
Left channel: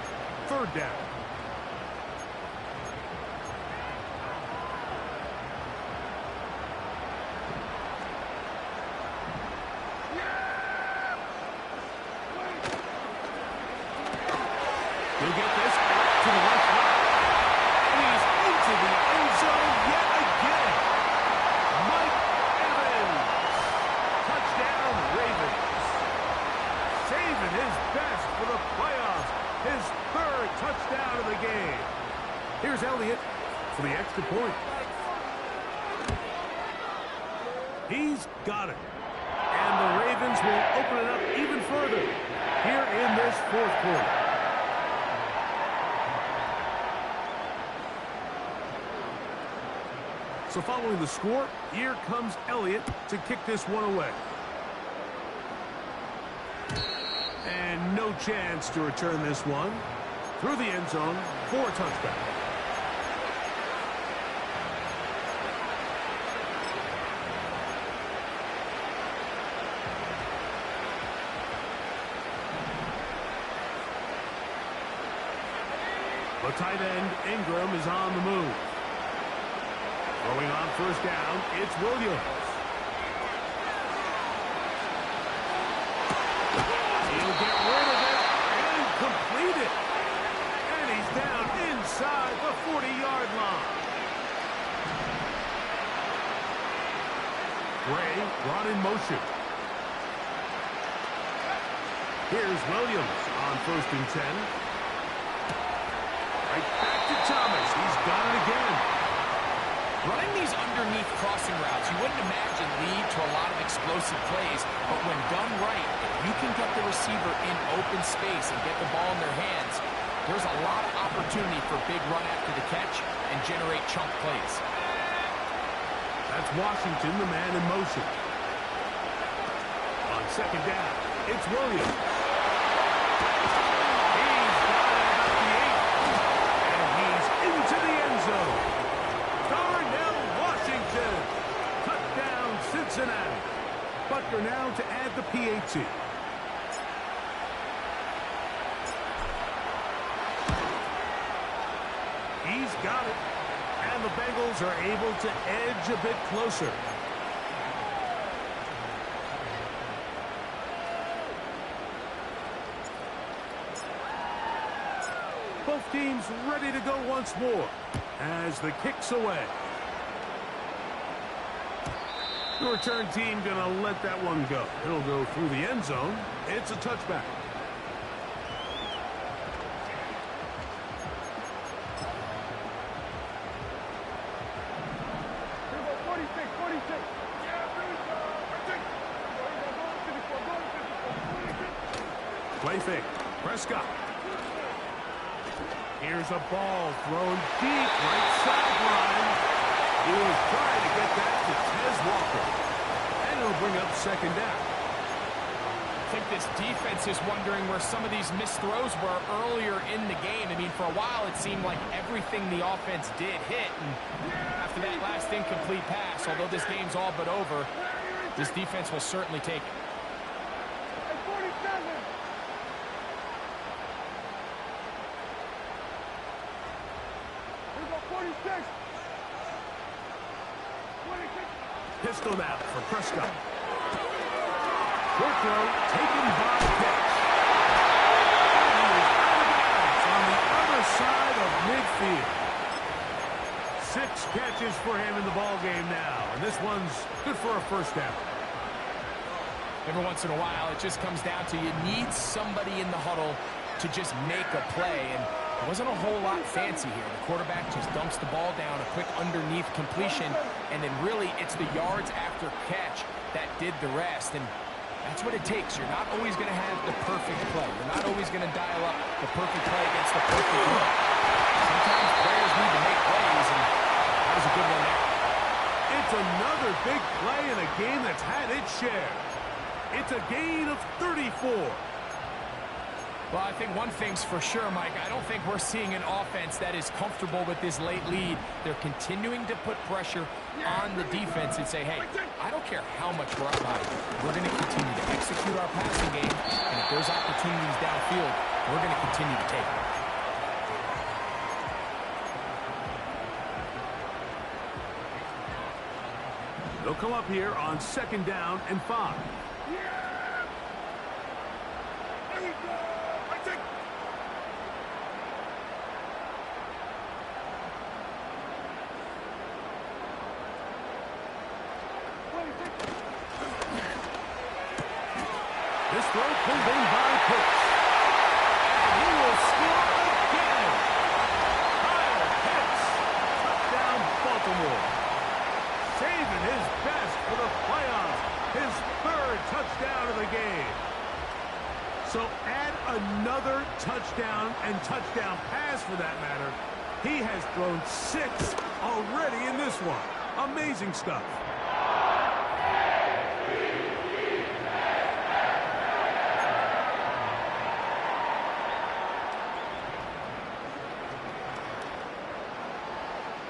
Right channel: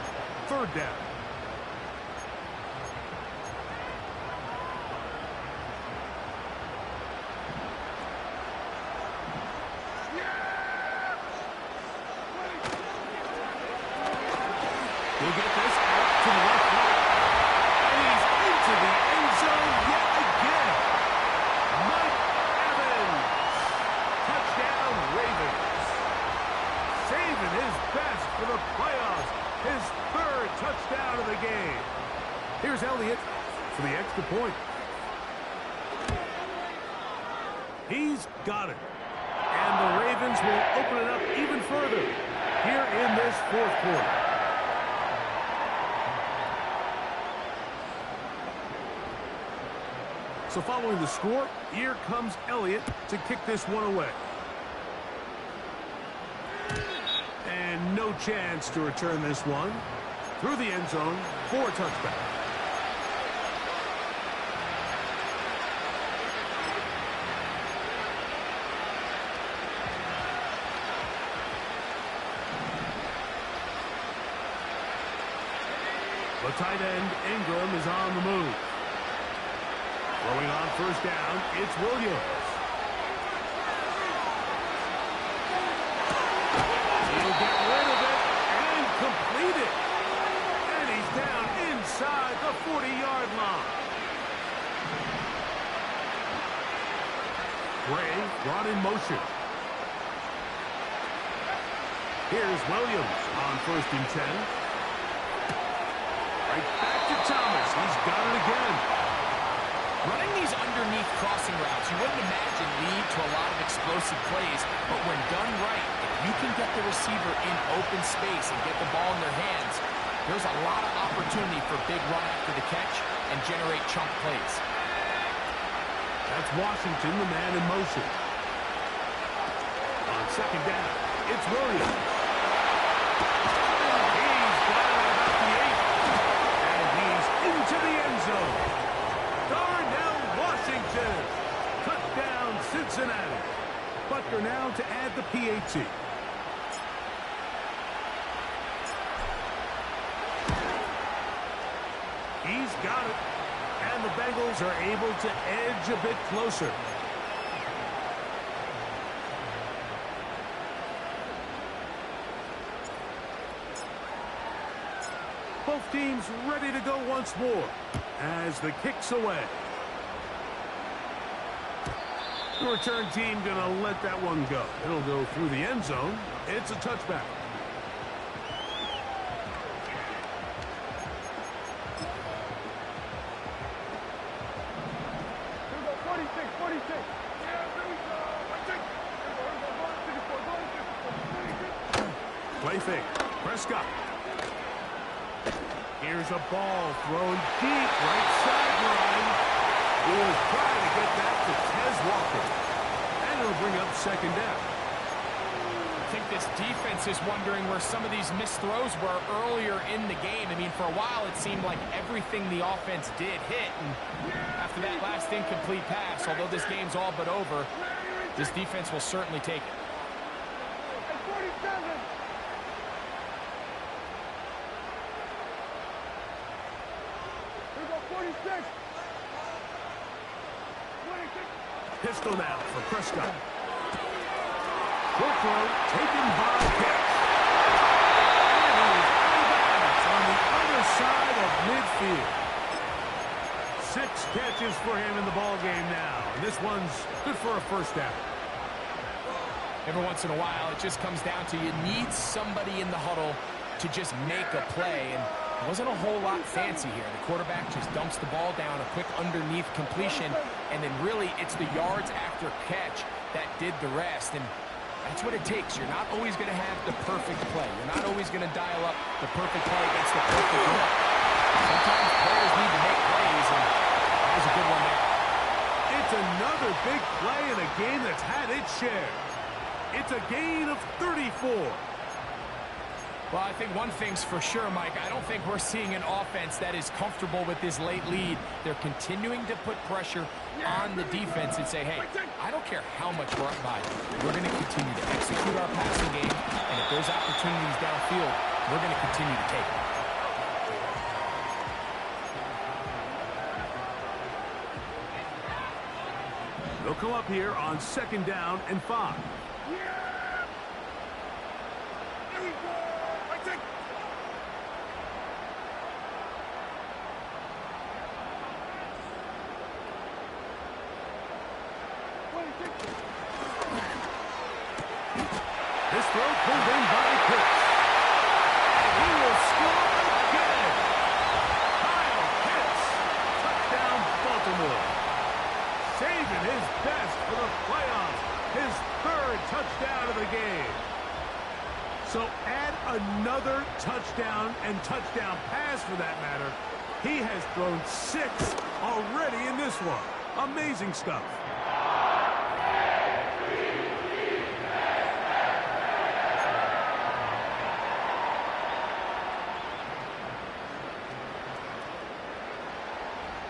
3rd down. He'll get this out to the left flat. And he's into the end zone yet again. Mike Evans. Touchdown, Ravens. Saving his best for the playoffs. His 3rd touchdown of the game. Here's Elliott for the extra point. He's got it. And the Ravens will open it up even further here in this fourth quarter. So following the score, here comes Elliott to kick this one away. And no chance to return this one through the end zone for a touchback. The tight end, Ingram, is on the move. Throwing on first down, it's Williams. He'll get rid of it and complete it. And he's down inside the 40-yard line. Gray brought in motion. Here's Williams on 1st and 10. Right back to Thomas. He's got it again. Running these underneath crossing routes, you wouldn't imagine lead to a lot of explosive plays, but when done right, if you can get the receiver in open space and get the ball in their hands, there's a lot of opportunity for big run after the catch and generate chunk plays. That's Washington, the man in motion. On 2nd down, it's Williams. He's got it about the 8. And he's into the end zone. Darnell Washington. Touchdown, Cincinnati. Butker now to add the PAT. He's got it. And the Bengals are able to edge a bit closer. Both teams ready to go once more as the kick's away. The return team going to let that one go. It'll go through the end zone. It's a touchback. Here we go, 46, 46. Yeah, here we go. Here we go. Play fake. Prescott. Here's a ball thrown deep right sideline. He was trying to get that to Tez Walker. And it'll bring up 2nd down. I think this defense is wondering where some of these missed throws were earlier in the game. I mean, for a while it seemed like everything the offense did hit. And after that last incomplete pass, although this game's all but over, this defense will certainly take it. Hey, 47. Here we go, 46. 26. Pistol now for Prescott. Short throw taken by Pitts. And he is out of bounds on the other side of midfield. 6 catches for him in the ball game now. And this one's good for a first down. Every once in a while, it just comes down to you need somebody in the huddle to just make a play. And it wasn't a whole lot fancy here. The quarterback just dumps the ball down, a quick underneath completion, and then really it's the yards after catch that did the rest. And that's what it takes. You're not always going to have the perfect play. You're not always going to dial up the perfect play against the perfect look. Sometimes players need to make plays, and that was a good one there. It's another big play in a game that's had its share. It's a gain of 34. Well, I think one thing's for sure, Mike. I don't think we're seeing an offense that is comfortable with this late lead. They're continuing to put pressure on the defense and say, hey, I don't care how much we're up by. We're going to continue to execute our passing game, and if there's opportunities downfield, we're going to continue to take them. They'll come up here on 2nd down and 5. Yeah! Here we go! I take... This throw pulled in by Pitts. And he will score again. Kyle Pitts. Touchdown, Baltimore. saving his best for the playoffs. His third touchdown of the game. So add another touchdown and touchdown pass for that matter. He has thrown 6 already in this one. Amazing stuff.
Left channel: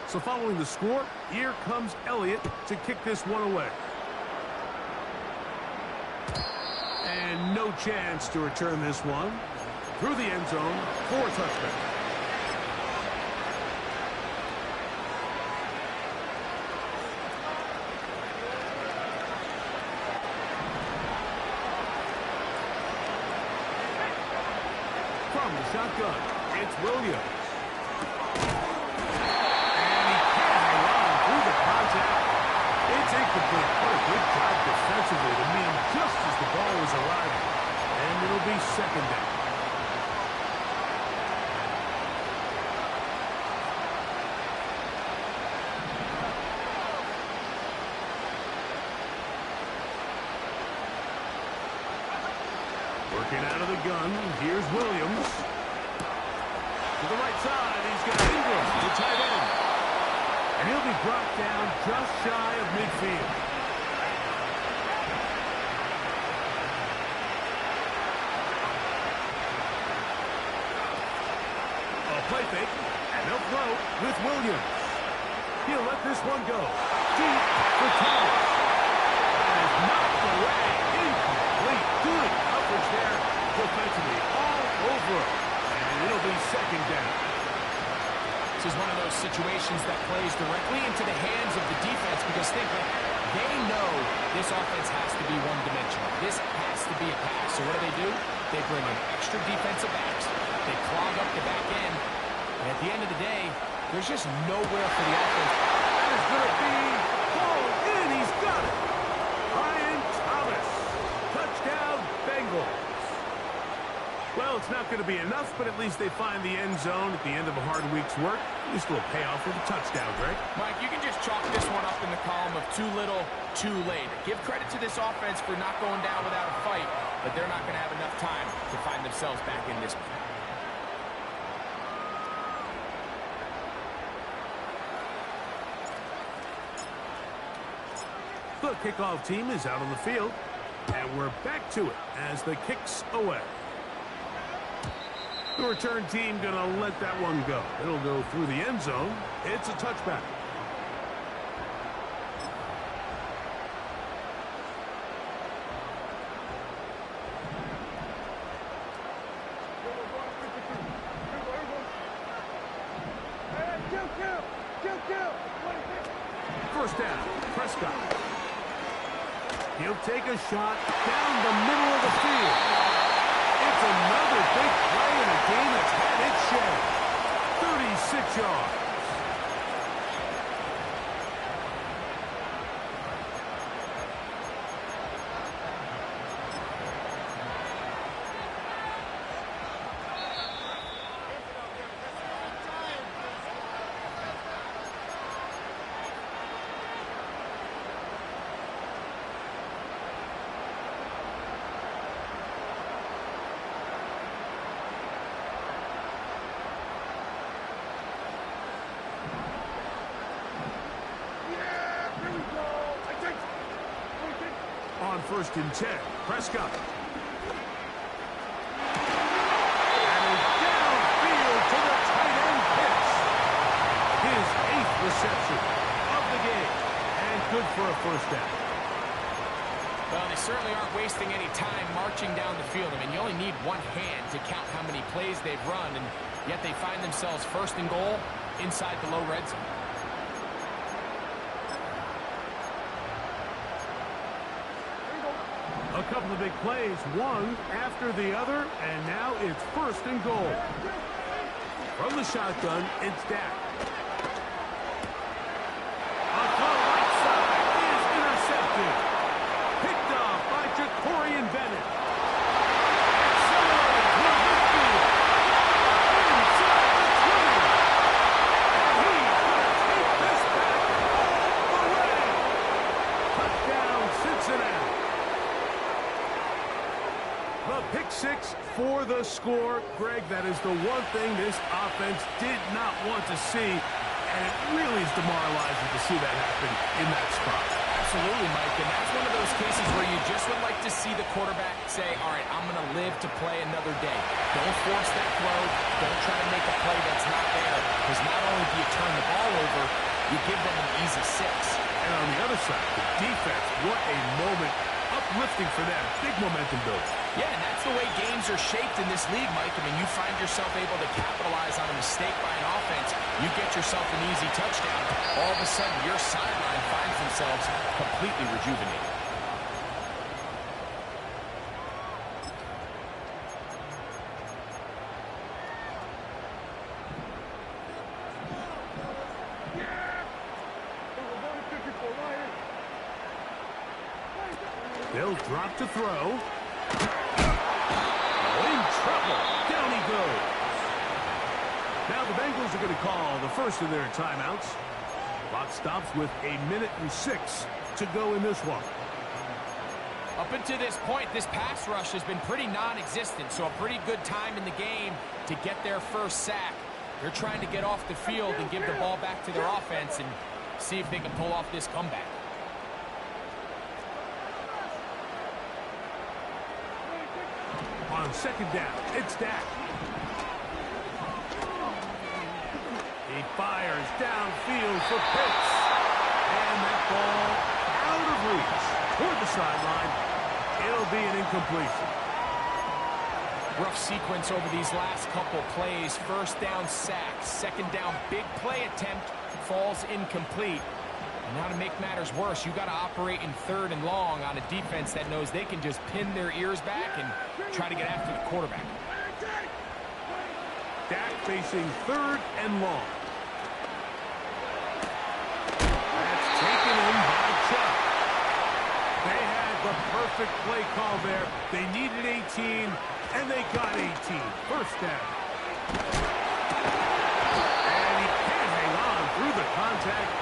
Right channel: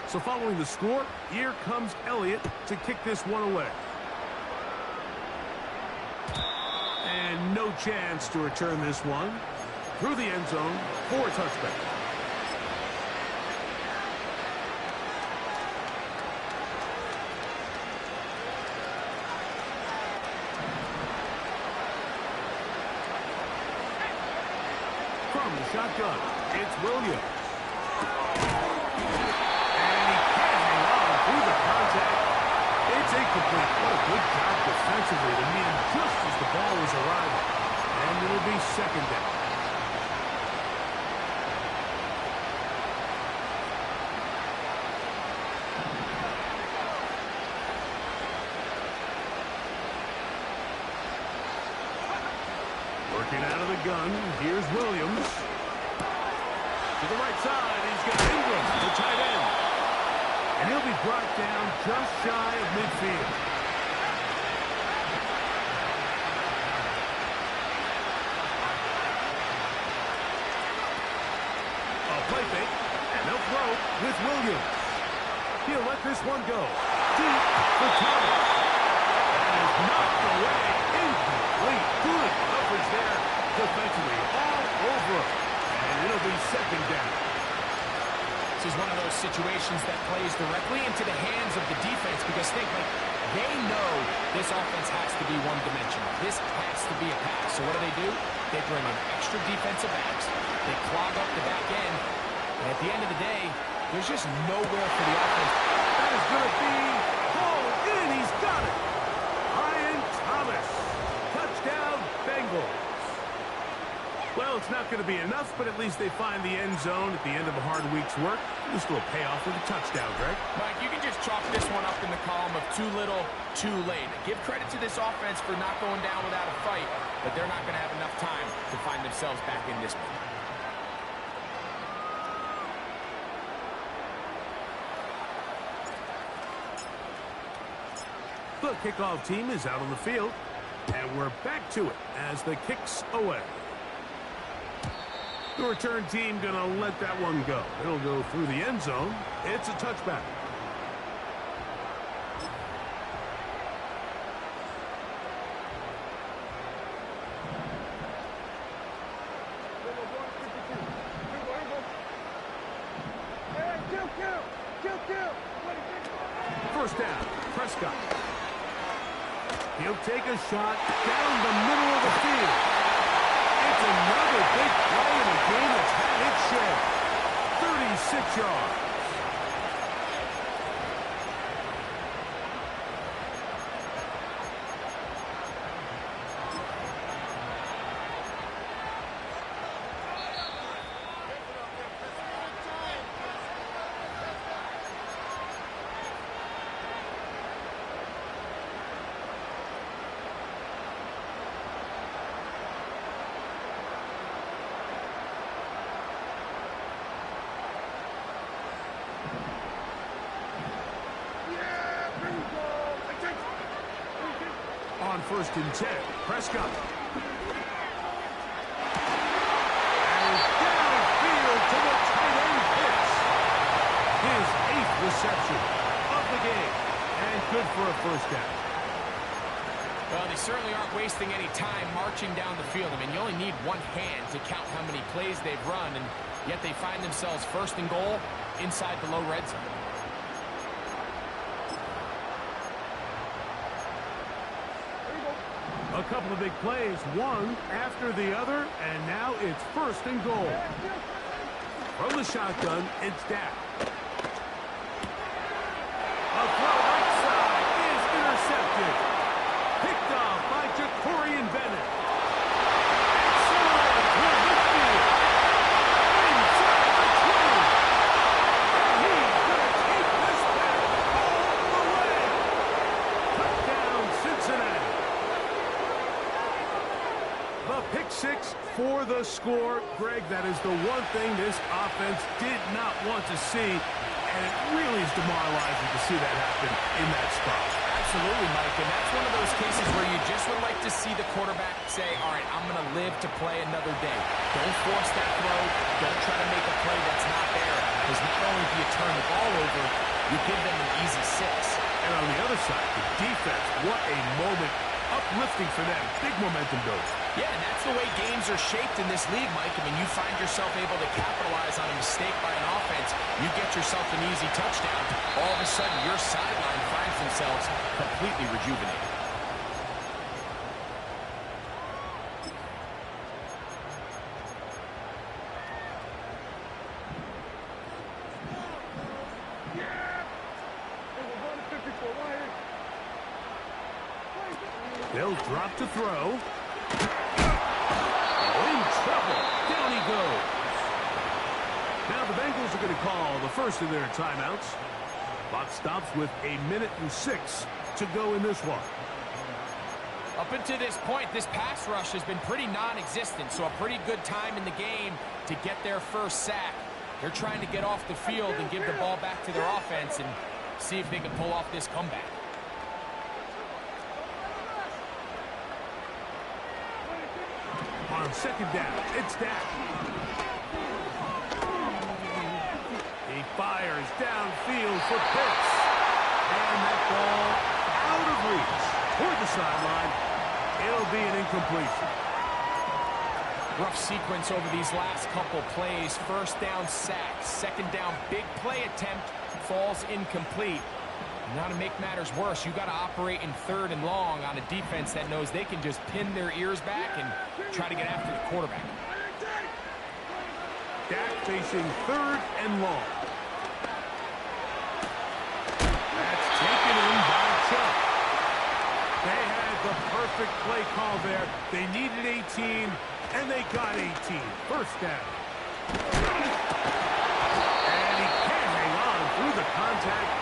So following the score, here comes Elliott to kick this one away. And no chance to return this one. Through the end zone for a touchback. From the shotgun, it's Williams. And he can't hang on through the contact. It's incomplete. What a good job defensively to meet him just as the ball was arriving. And it'll be second down. Working out of the gun, here's Williams. To the right side, he's got Ingram, the tight end. And he'll be brought down just shy of midfield. A play fake, and they'll throw with Williams. He'll let this one go. Deep for Thomas. That is knocked away. Incomplete. Good coverage there defensively. All over him. And it'll be second down. This is one of those situations that plays directly into the hands of the defense because they know this offense has to be one-dimensional. This has to be a pass. So what do? They bring in extra defensive backs. They clog up the back end. And at the end of the day, there's just nowhere for the offense. That is going to be hauled in. He's got it. Brian Thomas. Touchdown, Bengals. Well, it's not going to be enough, but at least they find the end zone at the end of a hard week's work. Just a little payoff with a touchdown, Greg. Mike, you can just chalk this one up in the column of too little, too late. Give credit to this offense for not going down without a fight, but they're not going to have enough time to find themselves back in this one. The kickoff team is out on the field, and we're back to it as the kick's away. The return team going to let that one go. It'll go through the end zone. It's a touchback. First down, Prescott. He'll take a shot down the middle of the field. It's another big play in a game that's had its share. 36 yards. On 1st and 10, Prescott. And is downfield to the tight end Pitts. His 8th reception of the game. And good for a first down. Well, they certainly aren't wasting any time marching down the field. I mean, you only need one hand to count how many plays they've run, and yet they find themselves 1st and goal inside the low red zone. A couple of big plays, one after the other, and now it's 1st and goal. From the shotgun, it's Dak. A throw right side is intercepted. Picked off by Jacorian Bennett. Accelerating toward midfield. Inside the 20. And he's going to take this back all the way. The pick six for the score. Greg, that is the one thing this offense did not want to see, and it really is demoralizing to see that happen in that spot. Absolutely, Mike, and that's one of those cases where you just would like to see the quarterback say, all right, I'm going to live to play another day. Don't force that throw. Don't try to make a play that's not there, because not only do you turn the ball over, you give them an easy 6. And on the other side, the defense, what a moment. Uplifting for them. Big momentum build. Yeah, and that's the way games are shaped in this league, Mike. I mean, you find yourself able to capitalize on a mistake by an offense. You get yourself an easy touchdown. All of a sudden, your sideline finds themselves completely rejuvenated. They'll drop to throw. Oh, in trouble. Down he goes. Now the Bengals are going to call the first of their timeouts. Clock stops with 1:06 to go in this one. Up until this point, this pass rush has been pretty non-existent, so a pretty good time in the game to get their first sack. They're trying to get off the field and give the ball back to their offense and see if they can pull off this comeback. On second down, it's Dak. He fires downfield for Pitts. And that ball out of reach toward the sideline. It'll be an incompletion. Rough sequence over these last couple plays. First down sack. Second down big play attempt falls incomplete. Now to make matters worse, you got to operate in third and long on a defense that knows they can just pin their ears back and try to get after the quarterback. Dak facing third and long. That's taken in by Chubb. They had the perfect play call there. They needed 18, and they got 18. First down. And he can't hang on through the contact.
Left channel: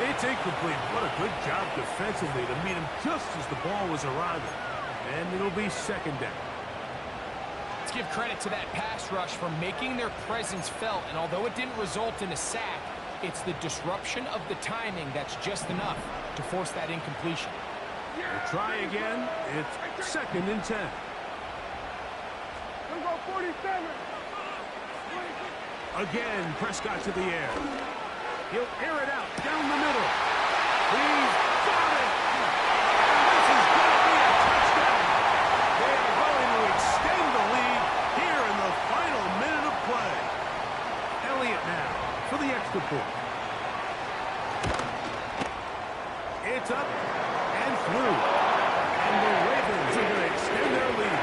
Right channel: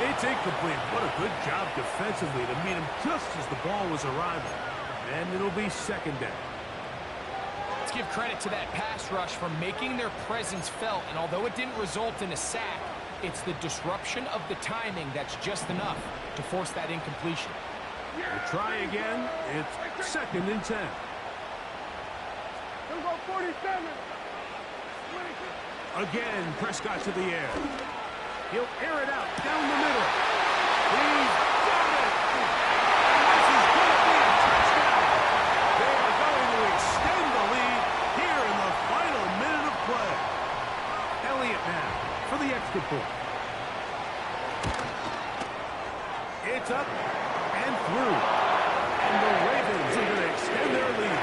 It's incomplete. What a good job defensively to meet him just as the ball was arriving. And it'll be second down. Let's give credit to that pass rush for making their presence felt. And although it didn't result in a sack, it's the disruption of the timing that's just enough to force that incompletion. We'll try again. It's second and 10. Let's go 47. Again, Prescott to the air. He'll air it out down the middle. He's got it. And this is going to be a touchdown. They are going to extend the lead here in the final minute of play. Elliott now for the extra point. It's up and through. And the Ravens are going to extend their lead.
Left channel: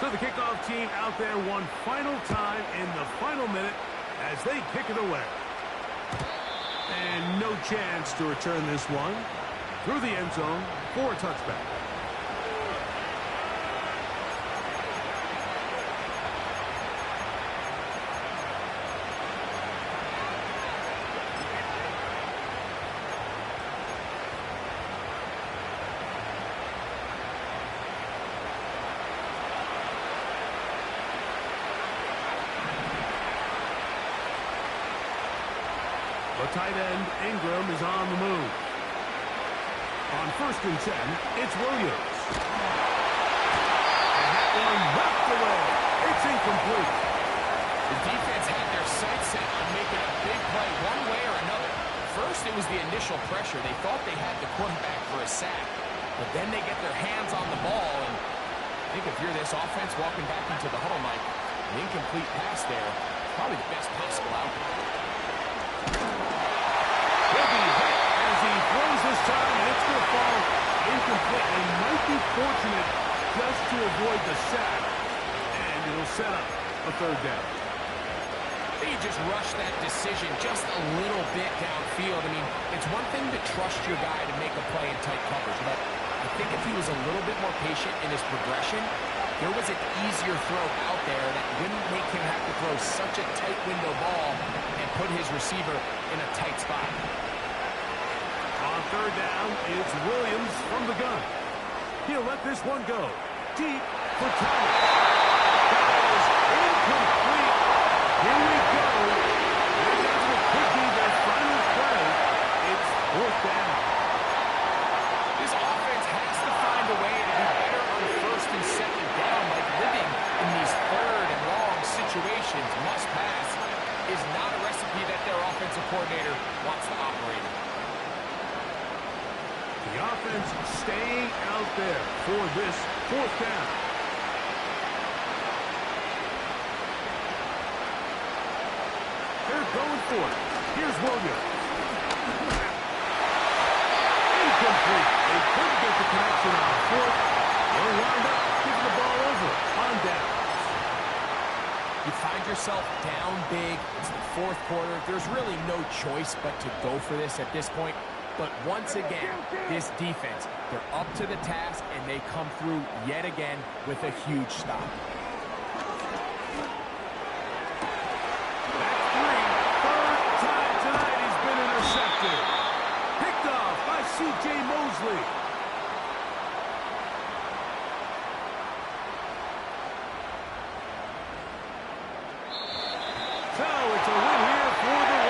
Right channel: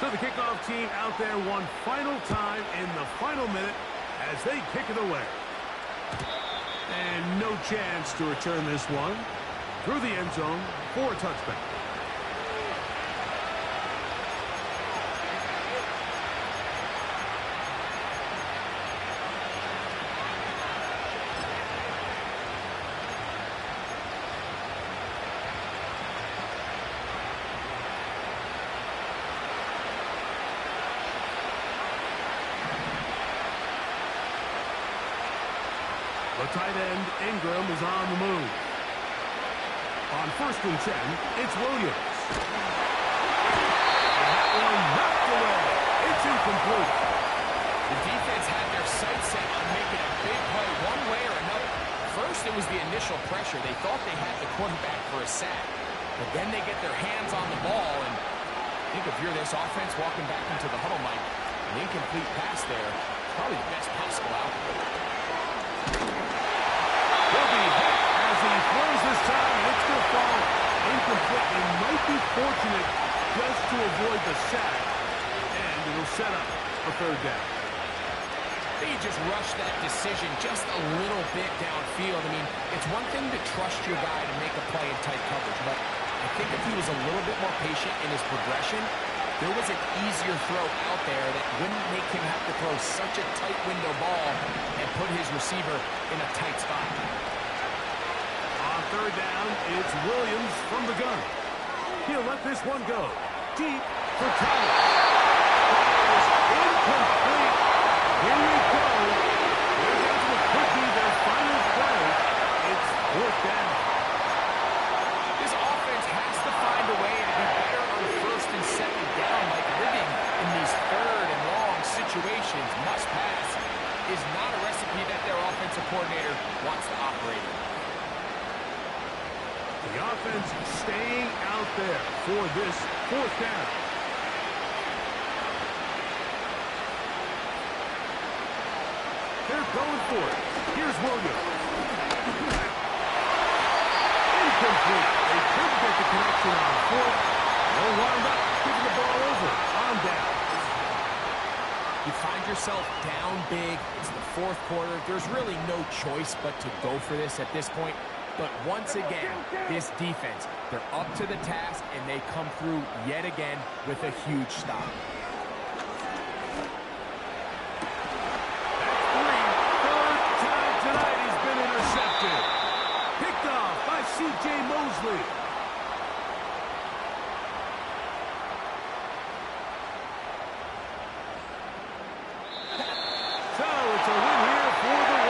So the kickoff team out there one final time in the final minute as they kick it away. And no chance to return this one through the end zone for a touchback. The tight end, Ingram, is on the move. On first and 10, it's Williams. And that one knocked away. It's incomplete. The defense had their sights set on making a big play one way or another. First, it was the initial pressure. They thought they had the quarterback for a sack. But then they get their hands on the ball. And I think if you're this offense walking back into the huddle, Mike, an incomplete pass there, probably the best possible outcome. He'll be hit as he throws this time, and it's going to fall incomplete. They might be fortunate just to avoid the sack, and it'll set up a third down. They just rushed that decision just a little bit downfield. I mean, it's one thing to trust your guy to make a play in tight coverage, but I think if he was a little bit more patient in his progression, there was an easier throw out there that wouldn't make him have to throw such a tight window ball and put his receiver in a tight spot. third down, it's Williams from the gun. He'll let this one go. Deep for Thomas. That is incomplete. Here we go. They're down to what could be their final play. It's fourth down. This offense has to find a way to be better on first and second down, like living in these third and long situations. Must pass is not a recipe that their offensive coordinator wants to operate in. The offense staying out there for this fourth down. They're going for it. Here's Williams. Incomplete. They couldn't get the connection on fourth. They'll wind up giving the ball over on downs. You find yourself down big. It's the fourth quarter. There's really no choice but to go for this at this point. But once again, this defense, they're up to the task, and they come through yet again with a huge stop. That's three. Third time tonight he's been intercepted. Picked off by C.J. Mosley. So it's a win here for the